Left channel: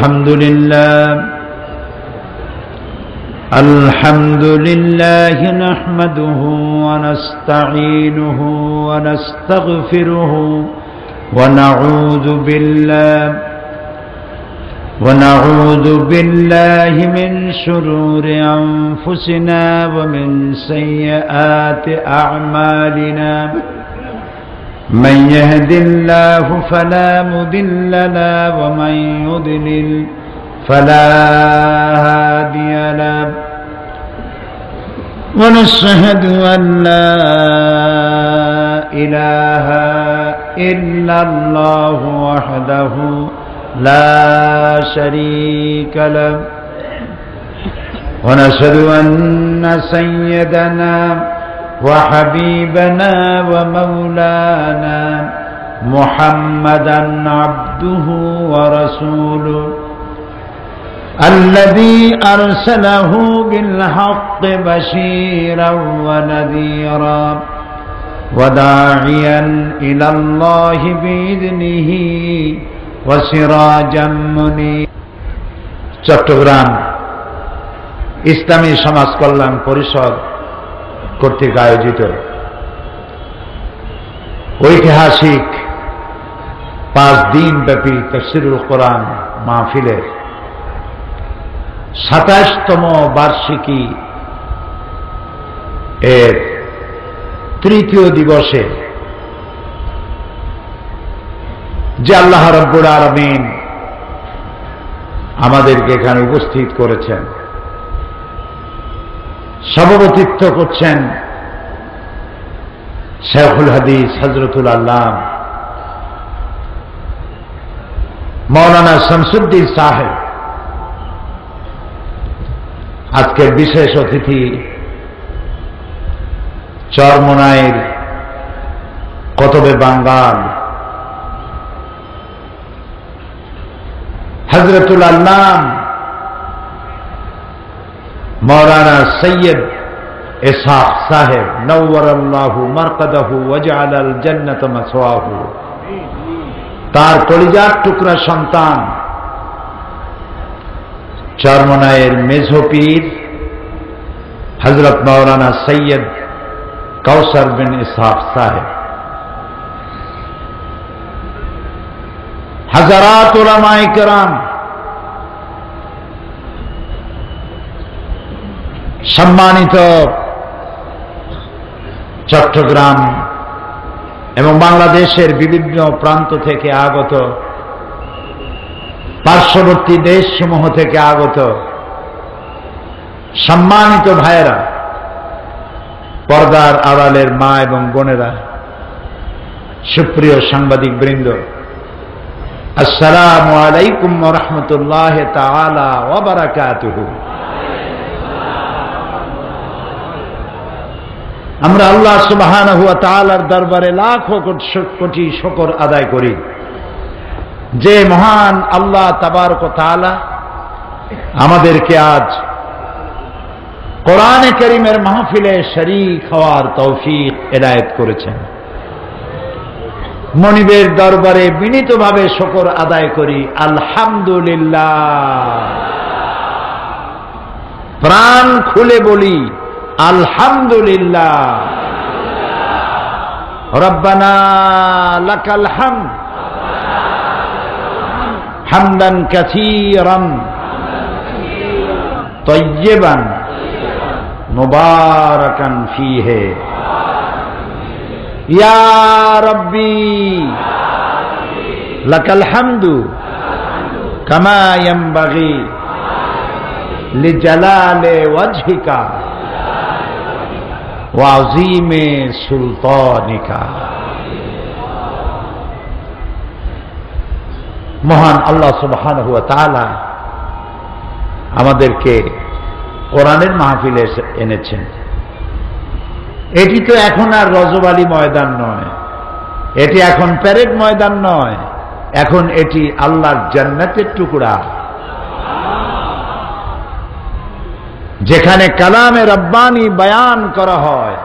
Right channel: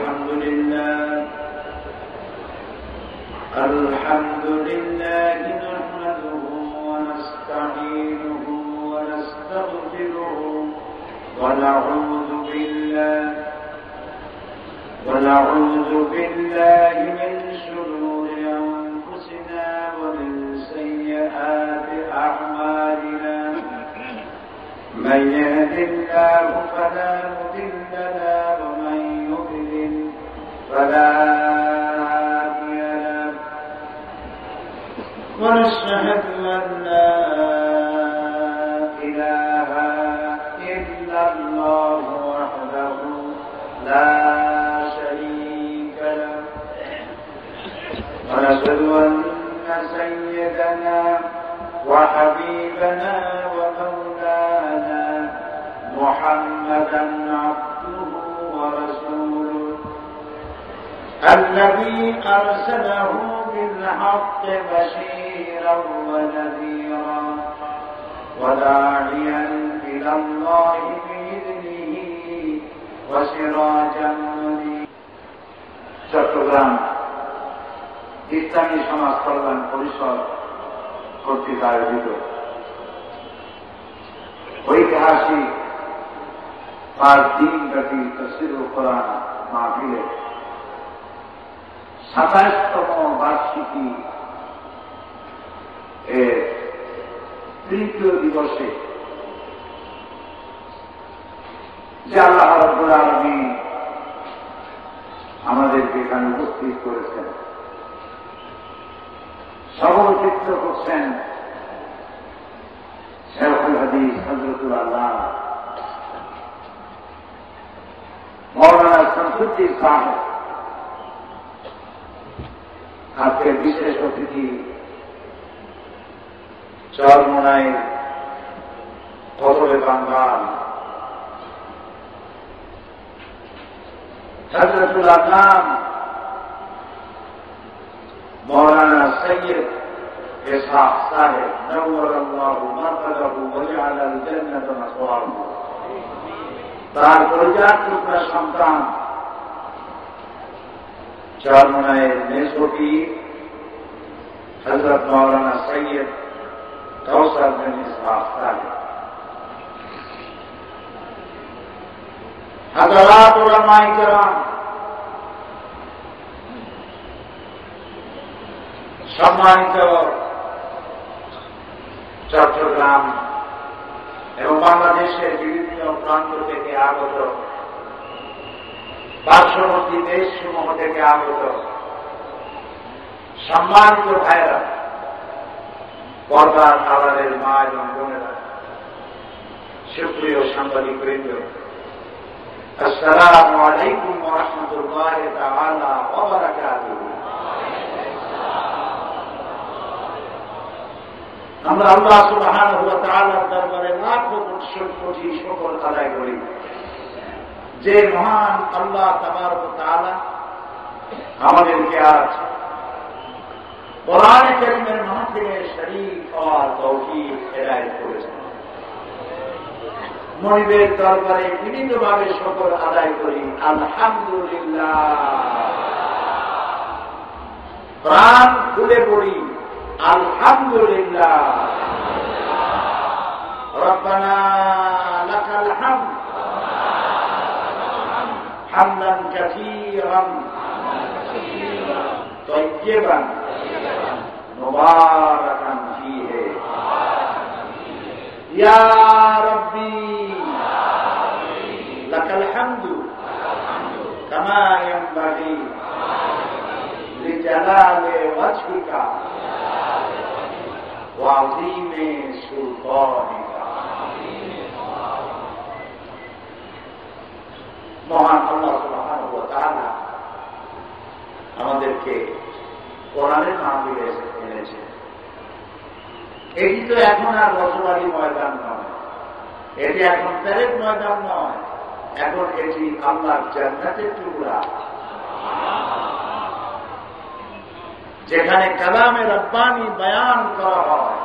الحمد لله نحمده ونستعينه ونستغفره ونعوذ بالله من شرور أنفسنا ومن سيئات أعمالنا من يهد الله فلا مضل له ومن يضلل فلا هادي له ونشهد أن لا إله إلا الله وحده لا شريك له ونشهد أن سيدنا وحبيبنا ومولانا محمدا عبده ورسوله الذي أرسله بالحق بشيرا ونذيرا وداعيا إلى الله بإذنه وسراجا منيرا। চট্টগ্রাম ইসলামী সমাজ কল্যাণ পরিষদ কর্তৃক আয়োজিত ঐতিহাসিক 5 দিন ব্যাপী তাফসীরুল কোরআন মাহফিলের 27তম বার্ষিকী এর তৃতীয় দিবসে যে আল্লাহ রাব্বুল আলামিন আমাদেরকে এখানে উপস্থিত করেছেন, সভাপতিত্ব করছেন শেখুল হাদিস হযরতুল আল্লাম মাওলানা শামসুদ্দিন সাহেব। আজকের বিশেষ অতিথি চরমোনাইর কতবে বাঙ্গাল হযরতুল আল্লাম মাওলানা সৈয়দ ইসহাক সাহেব নওয়ারাল্লাহু মারকাদাহু ওয়াজআলাল জান্নাতা মাসওয়াহু। তার কলিজার টুকরা সন্তান চরমোনাইয়ের মেঝো পীর হযরত মাওলানা সৈয়দ কাউসার বিন ইসহাক সাহেব, হাজারাত উলামায়ে কেরাম, সম্মানিত চট্টগ্রাম এবং বাংলাদেশের বিভিন্ন প্রান্ত থেকে আগত, পার্শ্ববর্তী দেশসমূহ থেকে আগত সম্মানিত ভাইয়েরা, পর্দার আড়ালের মা এবং বোনেরা, সুপ্রিয় সাংবাদিক বৃন্দ, আসসালামু আলাইকুম ওয়া রাহমাতুল্লাহি তাআলা ওয়া বারাকাতুহু। আমরা আল্লাহ সুবহানাহু ওয়া তাআলার দরবারে লাখো কোটি শুকর আদায় করি যে মহান আল্লাহ তাবারক ওয়া তাআলা আমাদেরকে আজ কোরআনে কারীমের মাহফিলে শরীক হওয়ার তৌফিক এনায়েত করেছেন। মনিবের দরবারে বিনীতভাবে শুকর আদায় করি, আলহামদুলিল্লাহ। প্রাণ খুলে বলি আলহামদুলিল্লাহ। রব্বানা লাকাল হামদ হামদান কাসীরান তাইয়্যিবান মুবারাকান ফীহি ইয়া রাব্বি লাকাল হামদু কামা ইয়ানবাগি লিজালালি ওয়াজহিকা ওয়া আযীমি সুলতানিকা। মহান আল্লাহ সুবহানাহু ওয়া তাআলা আমাদেরকে কোরআনের মাহফিলে এনেছেন। এটি তো এখন আর রজবালি ময়দান নয়, এটি এখন প্যারেড ময়দান নয়, এখন এটি আল্লাহর জান্নাতের টুকরা, যেখানে কালামে রব্বানি বয়ান করা হয়,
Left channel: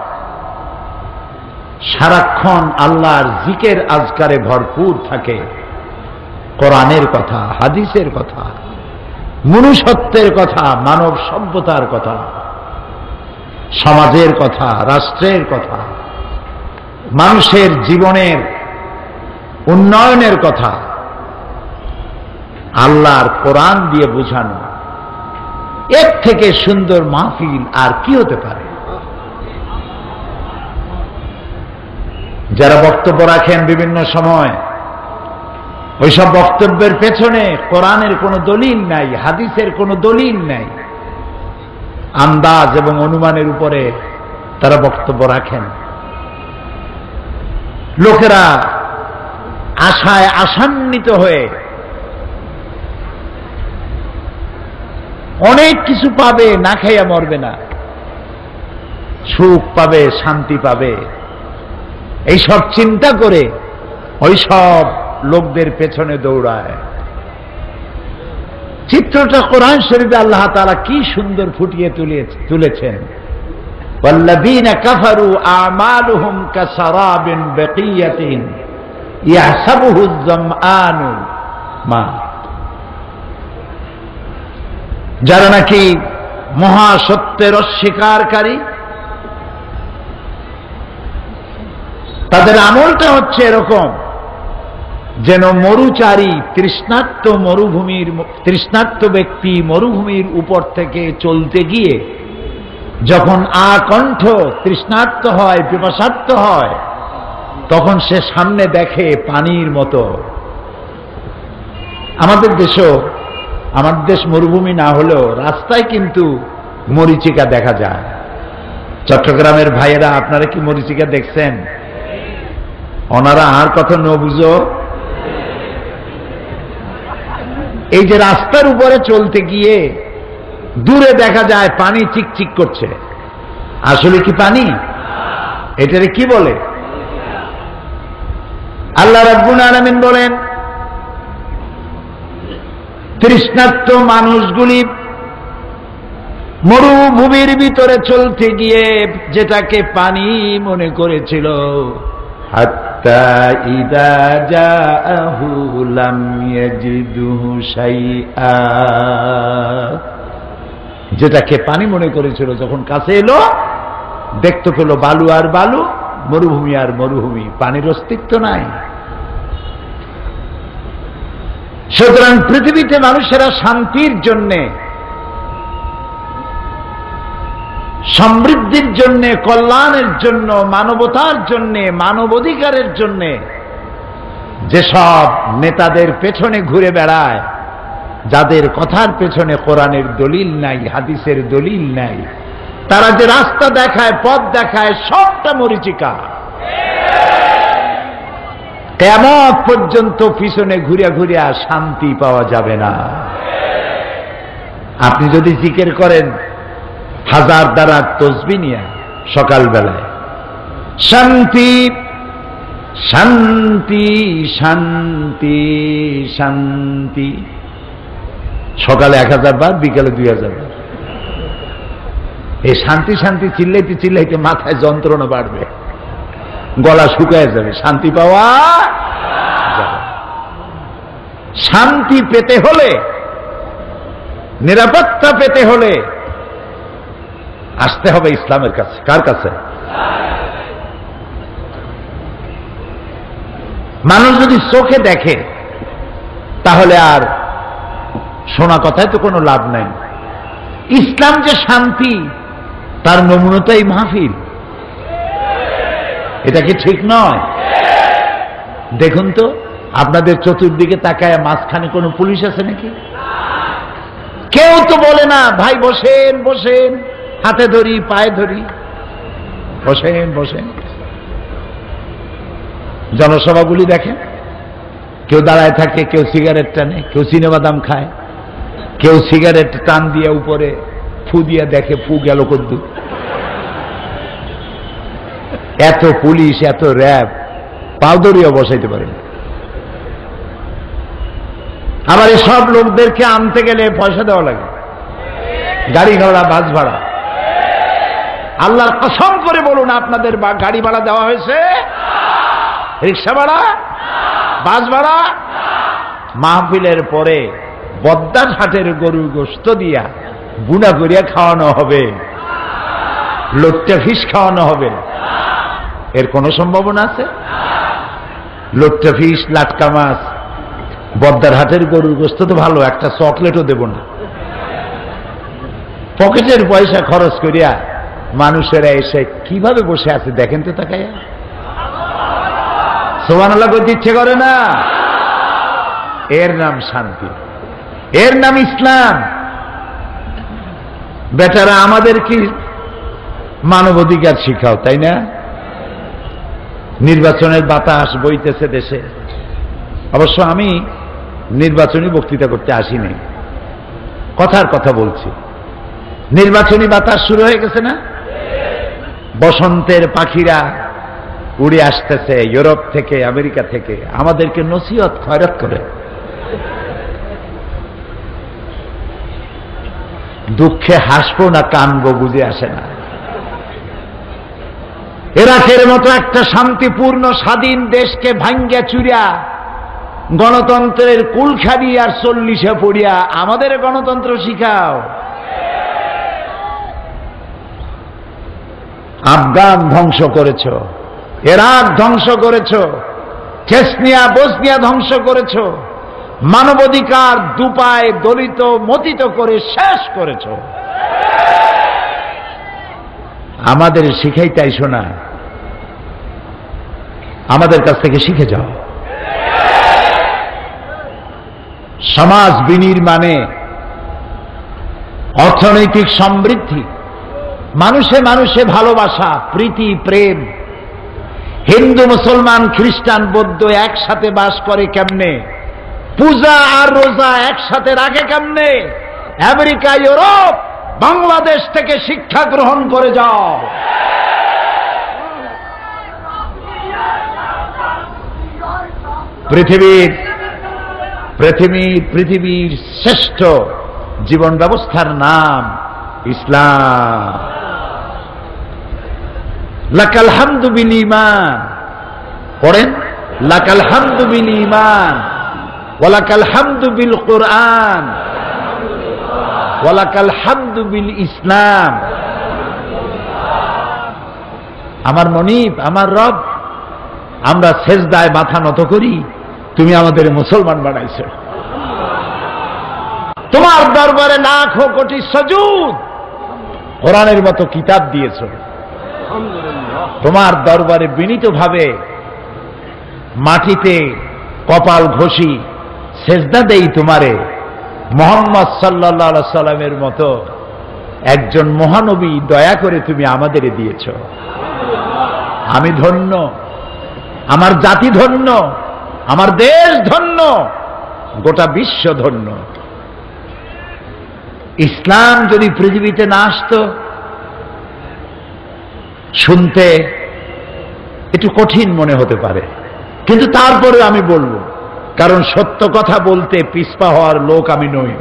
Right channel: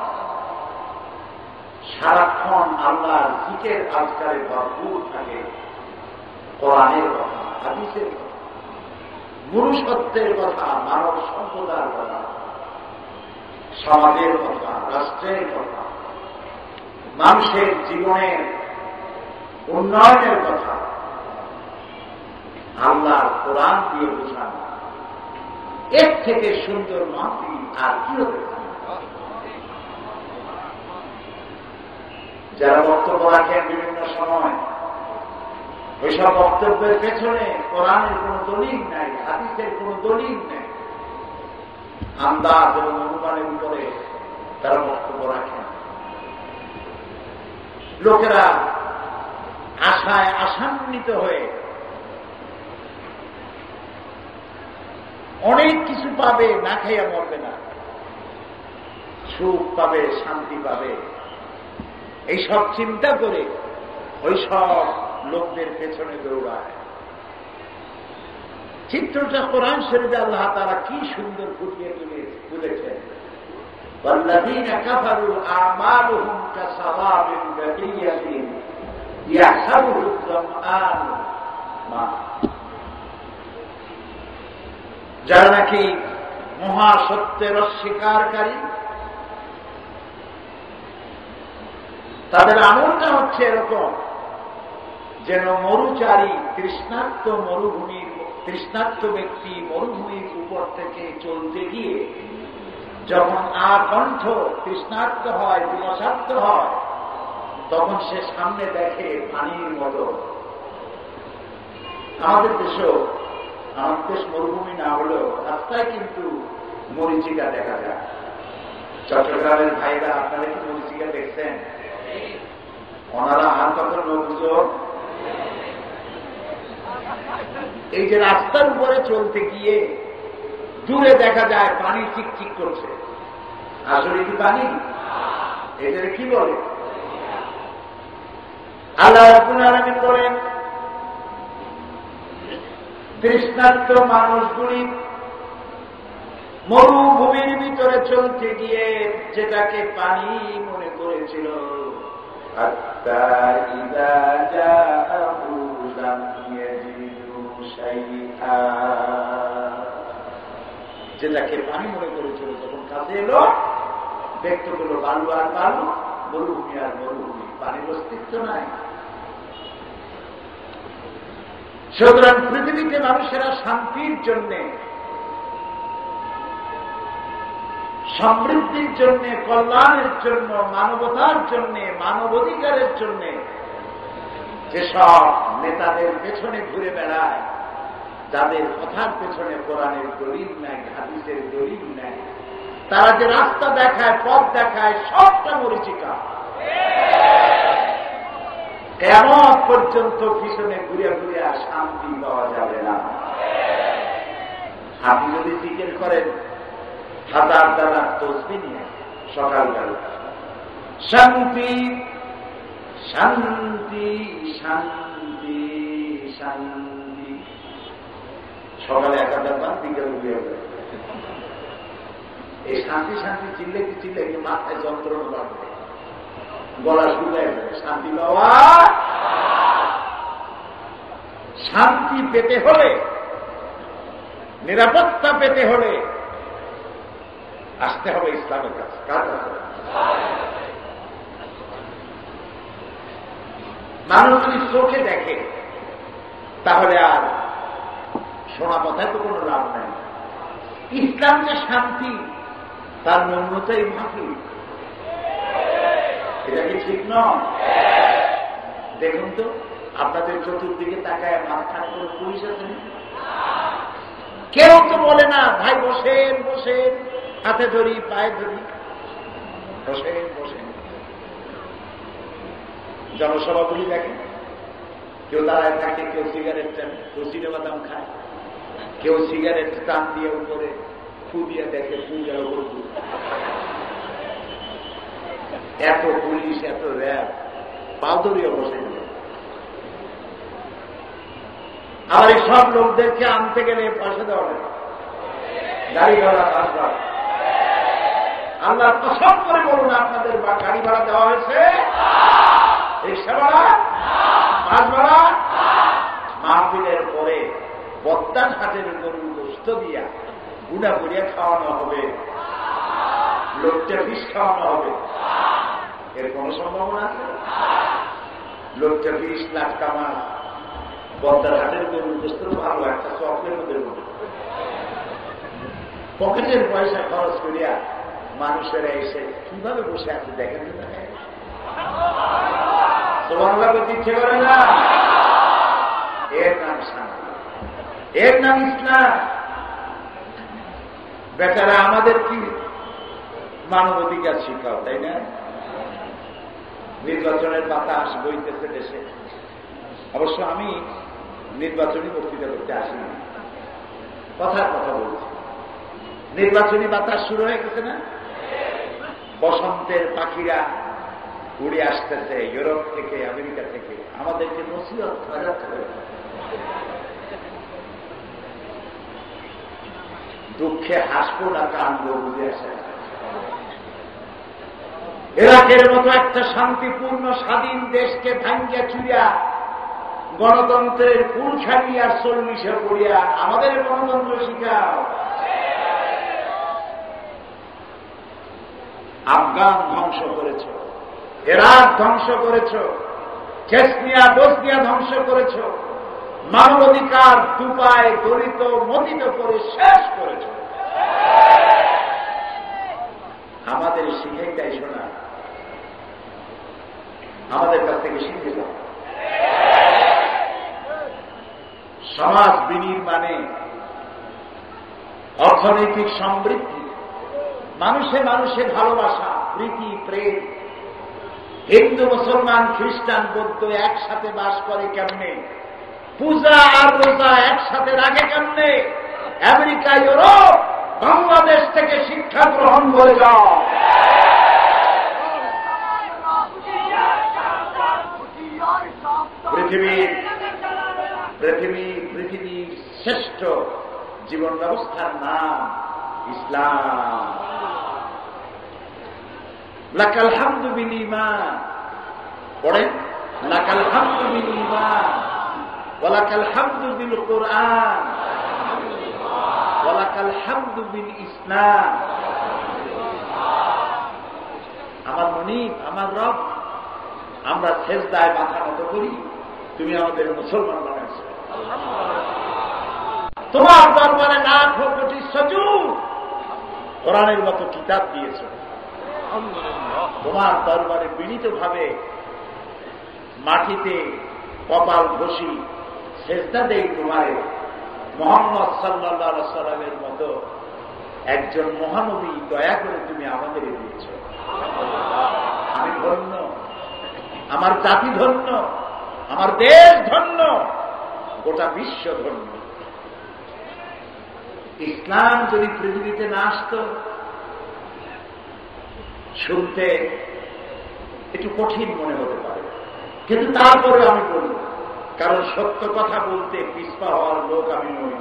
সারাক্ষণ আল্লাহর জিকির আজকারে ভরপুর থাকে, কোরআনের কথা, হাদিসের কথা। মনুষ্যত্বের কথা, মানব সভ্যতার কথা, সমাজের কথা, রাষ্ট্রের কথা, মানুষের জীবনের উন্নয়নের কথা আল্লাহর কোরআন দিয়ে বোঝানো, এর থেকে সুন্দর মাহফিল আর কি হতে পারে? যারা বক্তব্য রাখেন বিভিন্ন সময়, ওইসব বক্তব্যের পেছনে কোরআনের কোনো দলিল নাই, হাদিসের কোনো দলিল নাই, আন্দাজ এবং অনুমানের উপরে তারা বক্তব্য রাখেন। লোকেরা আশায় আশান্বিত হয়ে অনেক কিছু পাবে, না খাইয়া মরবে না, সুখ পাবে, শান্তি পাবে, এইসব চিন্তা করে ওইসব লোকদের পেছনে দৌড়ায়। চিত্রটা কোরআন শরীফে আল্লাহ তাআলা কি সুন্দর ফুটিয়ে তুলেছেন। ওয়াল্লাযীনা কাফারু আমালুহুম কাসারাবিন বাকিয়াতিন ইয়াহসাবুহু আয-যামআনু মা। যারা নাকি মহাসত্যের অস্বীকারী, তাদের আমলটা হচ্ছে এরকম যেন মরুচারী তৃষ্ণার্ত ব্যক্তি মরুভূমির উপর থেকে চলতে গিয়ে যখন আকণ্ঠ তৃষ্ণার্ত হয়, পিপাসার্ত হয়, তখন সে সামনে দেখে পানির মতো। আমাদের দেশ মরুভূমি না হলেও রাস্তায় কিন্তু মরীচিকা দেখা যায়। চট্টগ্রামের ভাইয়েরা, আপনারা কি মরীচিকা দেখছেন? ওনারা আর কথা ন বুঝো। এই যে রাস্তার উপরে চলতে গিয়ে দূরে দেখা যায় পানি চিকচিক করছে, আসলে কি পানি? এটারে কি বলে? আল্লাহ রাব্বুল আলামিন বলেন, তৃষ্ণার্ত মানুষগুলি মরুভূমির ভিতরে চলতে গিয়ে যেটাকে পানি মনে করেছিল, হাত্তা ইযা জাআহু লাম ইয়াজিদহু শাইআ, যেটাকে পানি মনে করেছিল যখন কাছে এলো দেখতে পেল বালু আর বালু, মরুভূমি আর মরুভূমি, পানির অস্তিত্ব নাই। সুতরাং পৃথিবীতে মানুষেরা শান্তির জন্যে, সমৃদ্ধির জন্যে, কল্যাণের জন্য, মানবতার জন্যে, মানবাধিকারের জন্যে যেসব নেতাদের পেছনে ঘুরে বেড়ায়, যাদের কথার পেছনে কোরআনের দলিল নাই, হাদিসের দলিল নাই, তারা যে রাস্তা দেখায়, পথ দেখায়, সবটা মরীচিকা। কিয়ামত পর্যন্ত পিছনে ঘুরে ঘুরে শান্তি পাওয়া যাবে না। আপনি যদি জিকির করেন 1000 দ্বারা তসবিহ নিয়ে সকালবেলায়, শান্তি শান্তি শান্তি শান্তি, সকালে 1000 বার, বিকালে 2000 বার, এই শান্তি শান্তি চিল্লাইতে চিল্লাইতে মাথায় যন্ত্রণা বাড়বে, গলা শুকায় যাবে, শান্তি পাওয়া যাবে। শান্তি পেতে হলে, নিরাপত্তা পেতে হলে আসতে হবে ইসলামের কাছে। কার কাছে? মানুষ যদি চোখে দেখে তাহলে আর শোনা কথায় তো কোনো লাভ নাই। ইসলাম যে শান্তি, তার নমুনাটাই মাহফিল। এটা কি ঠিক নয়? দেখুন তো, আপনাদের চতুর্দিকে তাকায় মাঝখানে কোনো পুলিশ আছে নাকি? কেউ তো বলে না, ভাই বসেন বসেন, হাতে ধরি, পায়ে ধরি, বসেন বসেন। জনসভাগুলি দেখেন, কেউ দাঁড়ায় থাকে, কেউ সিগারেট টানে, কেউ সিনেবাদাম খায়, কেউ সিগারেট টান দিয়ে উপরে ফু দিয়ে দেখে ফু গেল কদ্দু। এত পুলিশ, এত র্যাব, পাও ধরিয়া বসাইতে পারে না। আবার এই সব লোকদেরকে আনতে গেলে পয়সা দেওয়া লাগে, গাড়ি ভাড়া, বাস ভাড়া। আল্লাহর কসম করে বলুন, আপনাদের গাড়ি ভাড়া দেওয়া হয়েছে? রিক্সা ভাড়া, বাস ভাড়া? মাহফিলের পরে বদ্দার হাটের গরুর গোশত দিয়া বুনা করিয়া খাওয়ানো হবে, লোট্টা ফিস খাওয়ানো হবে? এর কোনো সম্ভাবনা আছে? লোট্টা ফিস, লাটকা মাছ, বদ্দার হাটের গরুর গোশত তো ভালো, একটা চকলেটও দেব না। পকেটের পয়সা খরচ করিয়া মানুষেরা এসে কিভাবে বসে আছে দেখেন তো তাকাইয়া। সুবহানাল্লাহ বলতে ইচ্ছে করে না? এর নাম শান্তি, এর নাম ইসলাম। বেটারা আমাদের কি মানবাধিকার শিখাও, তাই না? নির্বাচনের বাতাস বইতেছে দেশে। অবশ্য আমি নির্বাচনী বক্তৃতা করতে আসিনি, কথার কথা বলছি। নির্বাচনী বাতাস শুরু হয়ে গেছে না? বসন্তের পাখিরা উড়ে আসতেছে ইউরোপ থেকে, আমেরিকা থেকে, আমাদেরকে নসিহত খয়রাত করে। দুঃখে হাসবো না কানবো বুঝে আসে না। ইরাকের মতো একটা শান্তিপূর্ণ স্বাধীন দেশকে ভাঙ্গিয়া চুরিয়া গণতন্ত্রের কুলখাড়ি আর 40-এ পড়িয়া আমাদের গণতন্ত্র শিখাও। আফগান ধ্বংস করেছ, ইরাক ধ্বংস করেছ, চেচনিয়া বসনিয়া ধ্বংস করেছ, মানবাধিকার দুপায় দলিত মতিত করে শেষ করেছ। আমাদের শিখাইতে আইসো না, আমাদের কাছ থেকে শিখে যাও। সমাজ বিনির্মাণে, অর্থনৈতিক সমৃদ্ধি, মানুষে মানুষে ভালোবাসা, প্রীতি, প্রেম। হিন্দু, মুসলমান, খ্রিস্টান, বৌদ্ধ একসাথে বাস করে কেমনে? পূজা আর রোজা একসাথে রাখে কেমনে? আমেরিকা, ইউরোপ, বাংলাদেশ থেকে শিক্ষা গ্রহণ করে যাও। পৃথিবীর শ্রেষ্ঠ জীবন ব্যবস্থার নাম ইসলাম। লাকাল হামদু বিল ঈমান, পড়েন, লাকাল হামদু বিল ঈমান ওয়া লাকাল হামদু বিল কুরআন ওয়া লাকাল হামদু বিল ইসলাম। আমার মনিব, আমার রব, আমরা সেজদায় মাথা নত করি, তুমি আমাদের মুসলমান বানাইছো। তোমার দরবারে লাখো কোটি সুজুদ, কোরআনের মতো কিতাব দিয়েছো। তোমার দরবারে বিনীতভাবে মাটিতে কপাল ঘষি সেজদা দেই তোমারে। মুহাম্মদ সাল্লাল্লাহু আলাইহি সাল্লামের মতো একজন মহানবী দয়া করে তুমি আমাদের দিয়েছ। আমি ধন্য, আমার জাতি ধন্য, আমার দেশ ধন্য, গোটা বিশ্ব ধন্য। ইসলাম যদি পৃথিবীতে না আসতো, শুনতে একটু কঠিন মনে হতে পারে, কিন্তু তারপরে আমি বলবো, কারণ সত্য কথা বলতে পিছপা হওয়ার লোক আমি নই।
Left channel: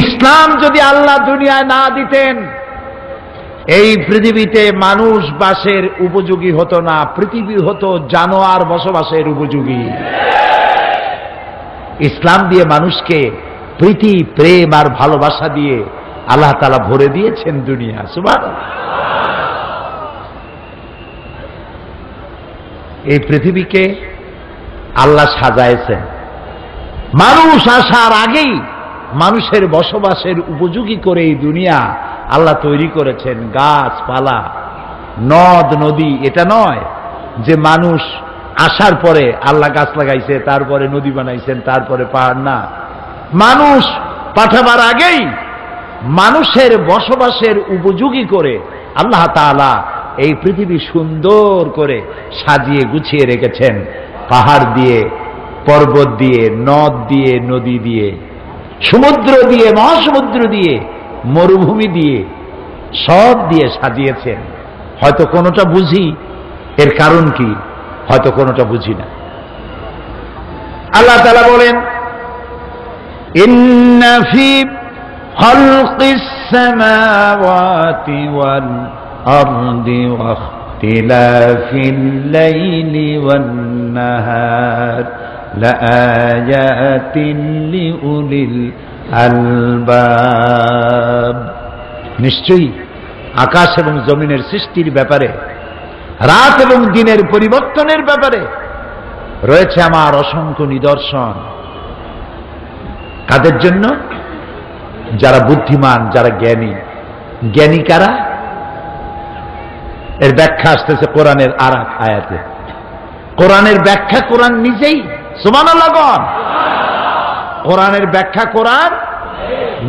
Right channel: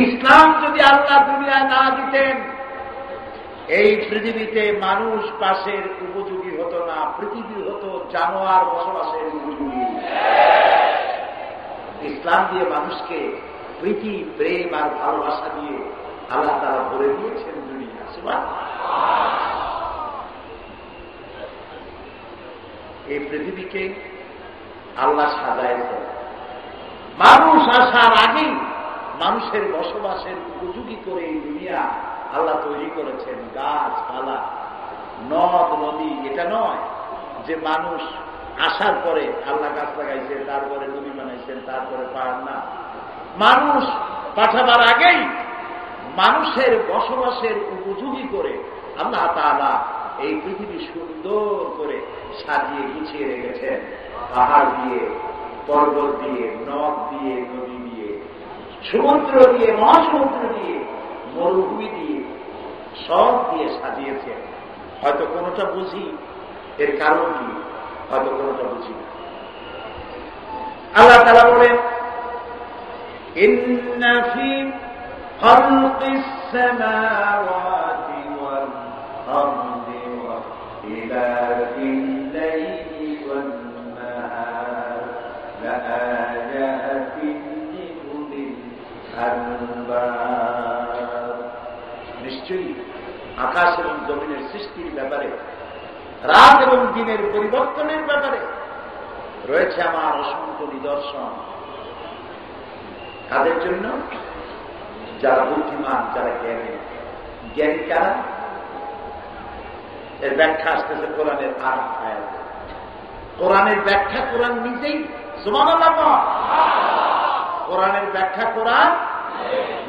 ইসলাম যদি আল্লাহ দুনিয়ায় না দিতেন, এই পৃথিবীতে মানুষ বাসের উপযোগী হতো না, পৃথিবী হতো জানোয়ার বসবাসের উপযোগী। ইসলাম দিয়ে মানুষকে প্রীতি, প্রেম আর ভালোবাসা দিয়ে আল্লাহ তাআলা ভরে দিয়েছেন দুনিয়া। সুবহানাল্লাহ। এই পৃথিবীকে আল্লাহ সাজাইছেন, মানুষ আসার আগেই মানুষের বসবাসের উপযোগী করে এই দুনিয়া আল্লাহ তৈরি করেছেন। গাছপালা, নদ নদী, এটা নয় যে মানুষ আসার পরে আল্লাহ গাছ লাগাইছে, তারপরে নদী বানাইছেন, তারপরে পাহাড়। না, মানুষ পাঠাবার আগেই মানুষের বসবাসের উপযোগী করে আল্লাহ তাআলা এই পৃথিবী সুন্দর করে সাজিয়ে গুছিয়ে রেখেছেন। পাহাড় দিয়ে, পর্বত দিয়ে, নদ দিয়ে, নদী দিয়ে, সমুদ্র দিয়ে, মহাসমুদ্র দিয়ে, মরুভূমি দিয়ে, সব দিয়ে সাজিয়েছেন। হয়তো কোনোটা বুঝি, এর কারণ কি, হয়তো কোনোটা বুঝি না। আল্লাহ তাআলা বলেন, ইন্না ফি খালকিস সামাওয়াতি ওয়াল আরদি ওয়া ইখতিলাফিল লাইলি ওয়ান নাহার লাআয়াতিন লিউলিল আলবাব। নিশ্চয়ই আকাশ এবং জমিনের সৃষ্টির ব্যাপারে, রাত এবং দিনের পরিবর্তনের ব্যাপারে রয়েছে আমার অসংখ্য নিদর্শন। কাদের জন্য? যারা বুদ্ধিমান, যারা জ্ঞানী। জ্ঞানী কারা? এর ব্যাখ্যা আসতেছে কোরআনের আর এক আয়াতে। কোরআনের ব্যাখ্যা কোরআন নিজেই। সুবহানাল্লাহ বল। কোরআনের ব্যাখ্যা কোরআন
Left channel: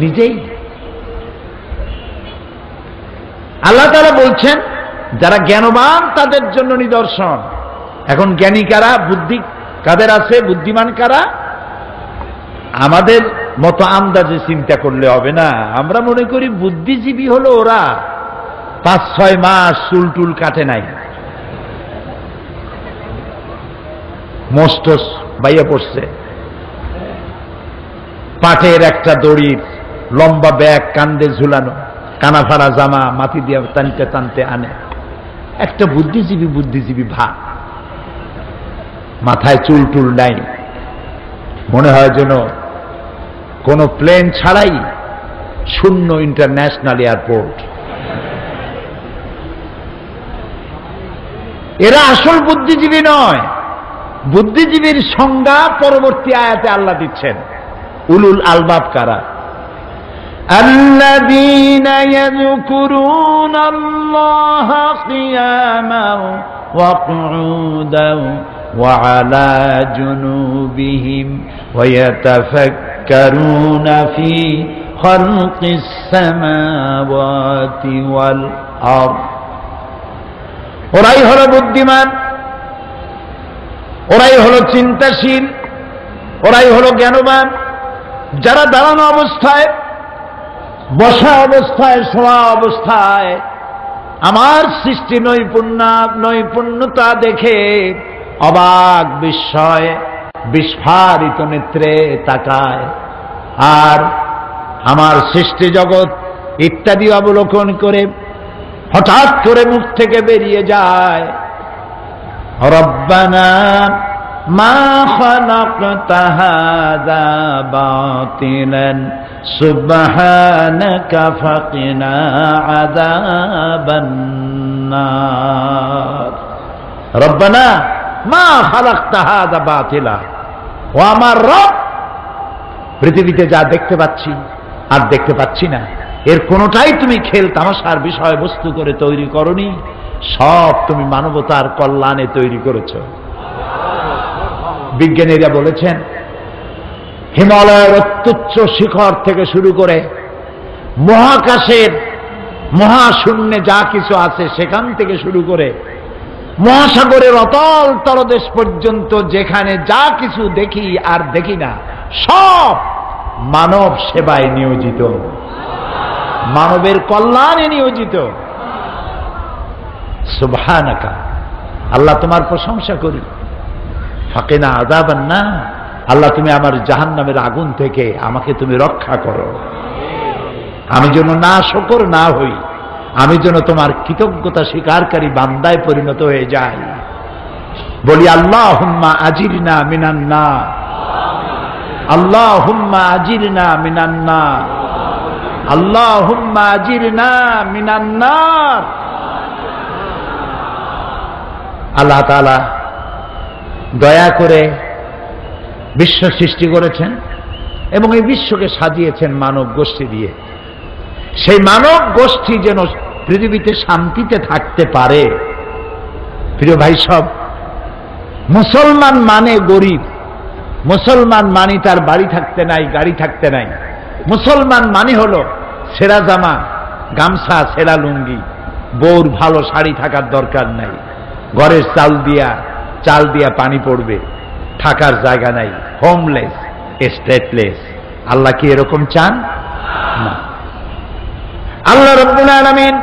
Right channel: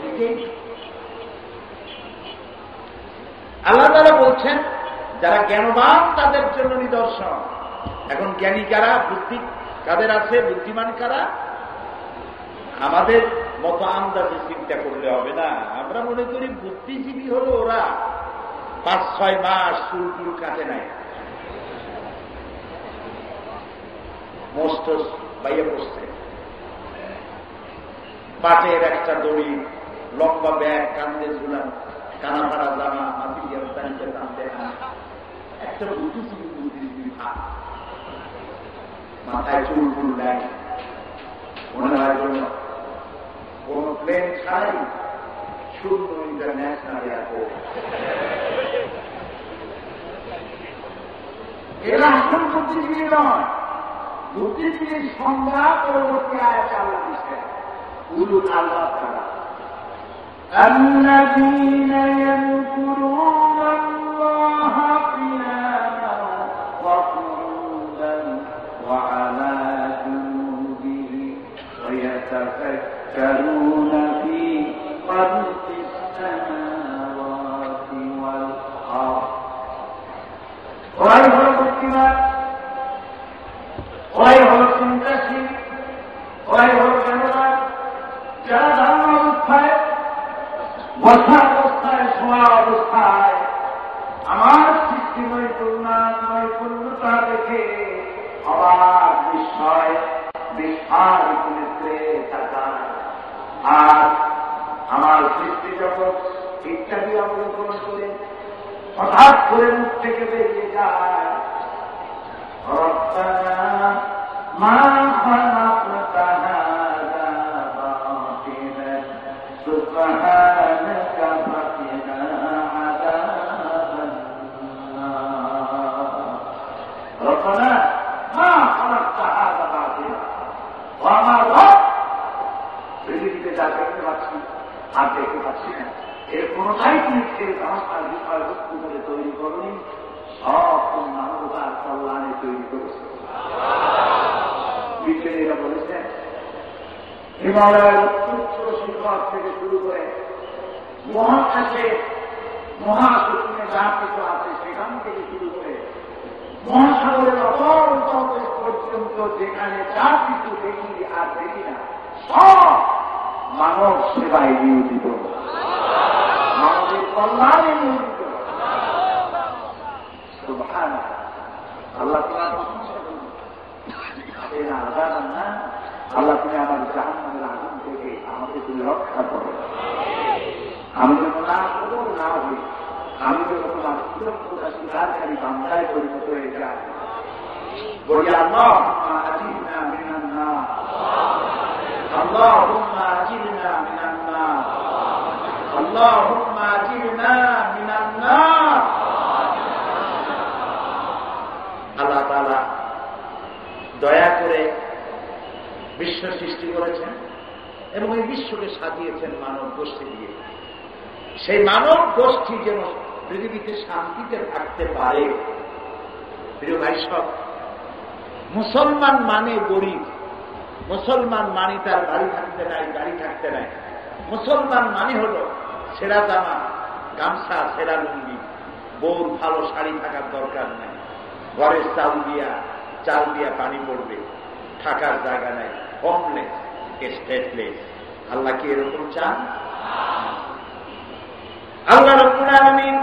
নিজেই। আল্লাহ তাআলা বলছেন যারা জ্ঞানবান তাদের জন্য নিদর্শন। এখন জ্ঞানী কারা? বুদ্ধি কাদের আছে? বুদ্ধিমান কারা? আমাদের মতো আন্দাজে চিন্তা করলে হবে না। আমরা মনে করি বুদ্ধিজীবী হলো ওরা 5-6 মাস চুল টুল কাটে নাই, মোস্টস বাইয়া পড়ছে, পাটের একটা দড়ির লম্বা ব্যাগ কান্দে ঝুলানো, কানাফাড়া জামা মাটি দিয়ে টানতে টানতে আনে। একটা বুদ্ধিজীবী বুদ্ধিজীবী ভাব, মাথায় চুল টুল নাই, মনে হয় যেন কোন প্লেন ছাড়াই শূন্য ইন্টারন্যাশনাল এয়ারপোর্ট। এরা আসল বুদ্ধিজীবী নয়। বুদ্ধিজীবীর সংজ্ঞা পরবর্তী আয়াতে আল্লাহ দিচ্ছেন। উলুল আলবাব কারা? الذين يذكرون الله قياما وقعودا وعلى جنوبهم ويتفكرون في خلق السماوات والأرض। ওরাই হলো বুদ্ধিমান, ওরাই হলো চিন্তাশীল, ওরাই হলো জ্ঞানবান, যারা দাঁড়ানো অবস্থায়, বসা অবস্থায়, শোয়া অবস্থায় আমার সৃষ্টি নৈপুণ্যতা দেখে অবাক বিস্ময় বিস্ফারিত নেত্রে তাকায়, আর আমার সৃষ্টি জগৎ ইত্যাদি অবলোকন করে হঠাৎ করে মুখ থেকে বেরিয়ে যায়, রব্বানা মা খালাকতা হাযা বাতিলান সুবহানাকা ফাকিনা আযাবান নার। রব্বানা মা খালাকতা হাযা বাতিলা। ও আমার রব, পৃথিবীতে যা দেখতে পাচ্ছি আর দেখতে পাচ্ছি না, এর কোনোটাই তুমি খেল তামাশার বিষয়বস্তু করে তৈরি করনি, সব তুমি মানবতার কল্যাণে তৈরি করেছ। বিজ্ঞানীরা বলেছেন হিমালয়ের অত্যুচ্চ শিখর থেকে শুরু করে মহাকাশের মহাশূন্যে যা কিছু আছে সেখান থেকে শুরু করে মহাসাগরের অতল তলদেশ পর্যন্ত যেখানে যা কিছু দেখি আর দেখি না, সব মানব সেবায় নিয়োজিত, মানবের কল্যাণে নিয়োজিত। সুবহানাকা, আল্লাহ তোমার প্রশংসা করি। ফাকিনা আযাবান নার, আল্লাহ তুমি আমার জাহান্নামের আগুন থেকে আমাকে তুমি রক্ষা করো। আমি যেন না শকর না হই, আমি যেন তোমার কৃতজ্ঞতা স্বীকারকারী বান্দায় পরিণত হয়ে যাই। বলি আল্লাহুম্মা আজিরনা মিনান নার, আল্লাহুম্মা আজিরনা মিনান নার, আল্লাহুম্মা আজিরনা মিনান নার। আল্লাহ তাআলা দয়া করে বিশ্ব সৃষ্টি করেছেন এবং এই বিশ্বকে সাজিয়েছেন মানব গোষ্ঠী দিয়ে। সেই মানব গোষ্ঠী যেন পৃথিবীতে শান্তিতে থাকতে পারে। প্রিয় ভাই সব, মুসলমান মানে গরিব, মুসলমান মানে তার বাড়ি থাকতে নাই, গাড়ি থাকতে নাই। মুসলমান মানে হলো সেরা জামা, গামছা, সেরা লুঙ্গি, বউর ভালো শাড়ি থাকার দরকার নাই, ঘরের চাল দিয়া পানি পড়বে, থাকার জায়গা নাই, হোমলেস, স্টেটলেস। আল্লাহ কি এরকম চান? না। আল্লাহ রাব্বুল আলামিন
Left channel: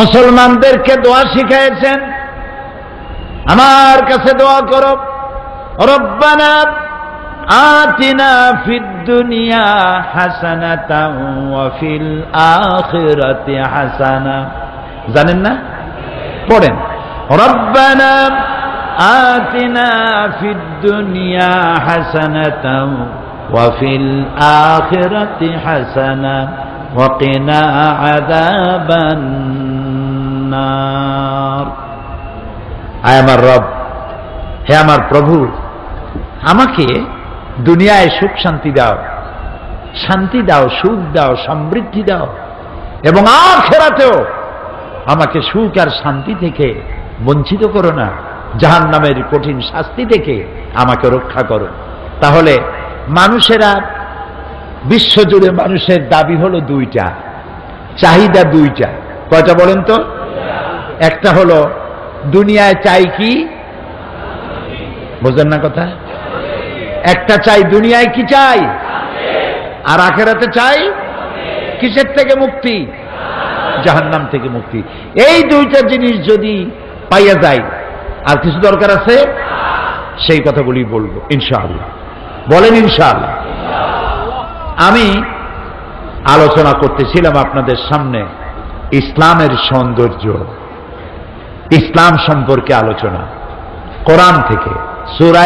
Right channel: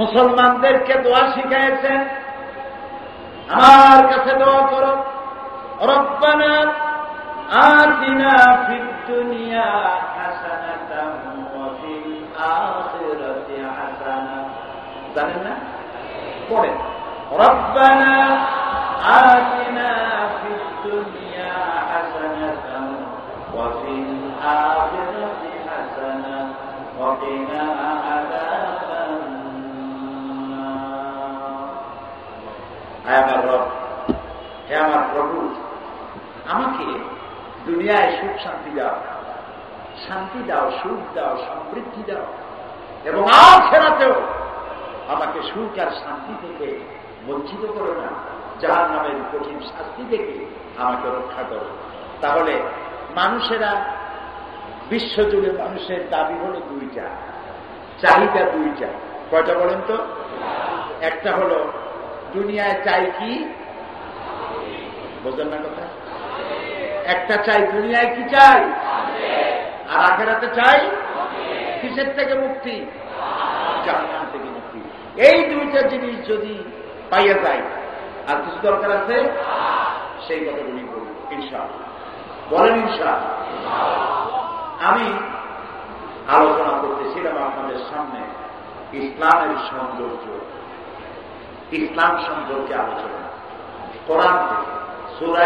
মুসলমানদেরকে দোয়া শিখিয়েছেন। আমার কাছে দোয়া করো, রব্বানা আতিনা ফিদ দুনিয়া হাসানাতাও ওয়া ফিল আখিরাতি হাসানা। জানেন না? পড়েন, রব্বানা আতিনা ফিদ দুনিয়া হাসানাতাও ওয়া ফিল আখিরাতি হাসানা ওয়া কিনা আযাবান নার। আয় আমার রব, হে আমার প্রভু, আমাকে দুনিয়ায় সুখ শান্তি দাও, শান্তি দাও, সুখ দাও, সমৃদ্ধি দাও, এবং আখিরাতেও আমাকে সুখ আর শান্তি থেকে বঞ্চিত করো না, জাহান্নামের কঠিন শাস্তি থেকে আমাকে রক্ষা করো। তাহলে মানুষেরা, বিশ্বজুড়ে মানুষের দাবি হলো দুইটা, চাহিদা দুইটা। কয়টা বলেন তো? একটা হলো দুনিয়ায় চাই কি, বোঝেন না কথা? একটা চাই দুনিয়ায় কি চাই, আর আখিরাতে চাই কিসের থেকে মুক্তি? জাহান্নাম থেকে মুক্তি। এই দুইটা জিনিস যদি পাইয়া যায়, আর কিছু দরকার আছে? সেই কথাগুলি বলবো ইনশাআল্লাহ। বলেন ইনশাআল্লাহ। আমি আলোচনা করতেছিলাম আপনাদের সামনে ইসলামের সৌন্দর্য, ইসলাম সম্পর্কে আলোচনা, কোরআন থেকে সূরা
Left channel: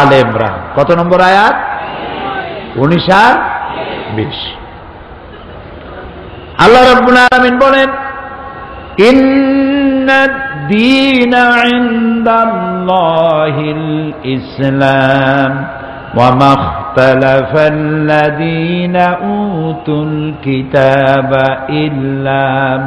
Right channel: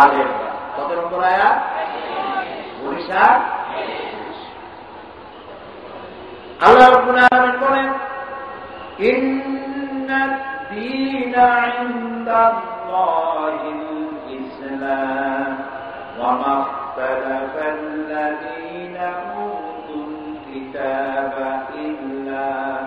আলে ইমরান। কত নম্বর আয়াত? 19 আর 20। আল্লাহ রাব্বুল আলামিন বলেন, ইন্নাদ-দীনা ইনদাল্লাহিল ইসলাম ওয়া মাখতালাফাল্লাযীনা উতুল কিতাবা ইল্লা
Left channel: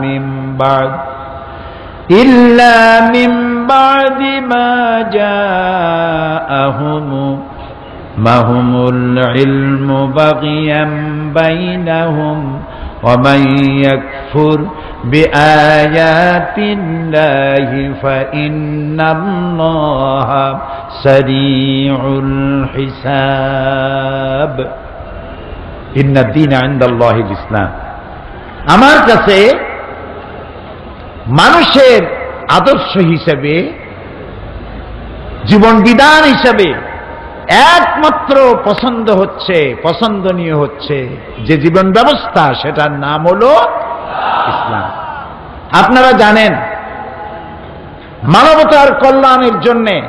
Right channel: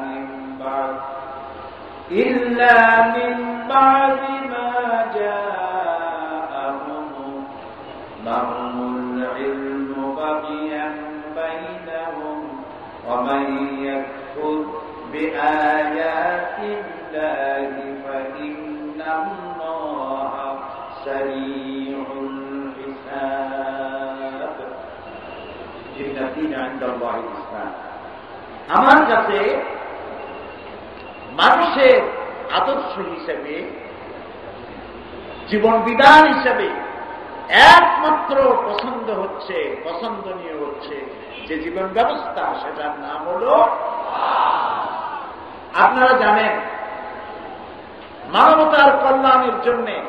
মিন বা'দি মা জাআহুমুল ইলমু বাগিয়ান বাইনাহুম ওয়া মান ইয়াকফুর বিআয়াতিল্লাহি ফাইন্নাল্লাহা সারিউল হিসাব। ইন্নাদ-দীনা ইনদাল্লাহিল ইসলাম। আমার কাছে মানুষের আদর্শ হিসেবে, জীবন বিধান হিসেবে একমাত্র পছন্দনীয় হচ্ছে যে জীবন ব্যবস্থা, সেটার নাম হলো ইসলাম। আপনারা জানেন, মানবতার কল্যাণের জন্য,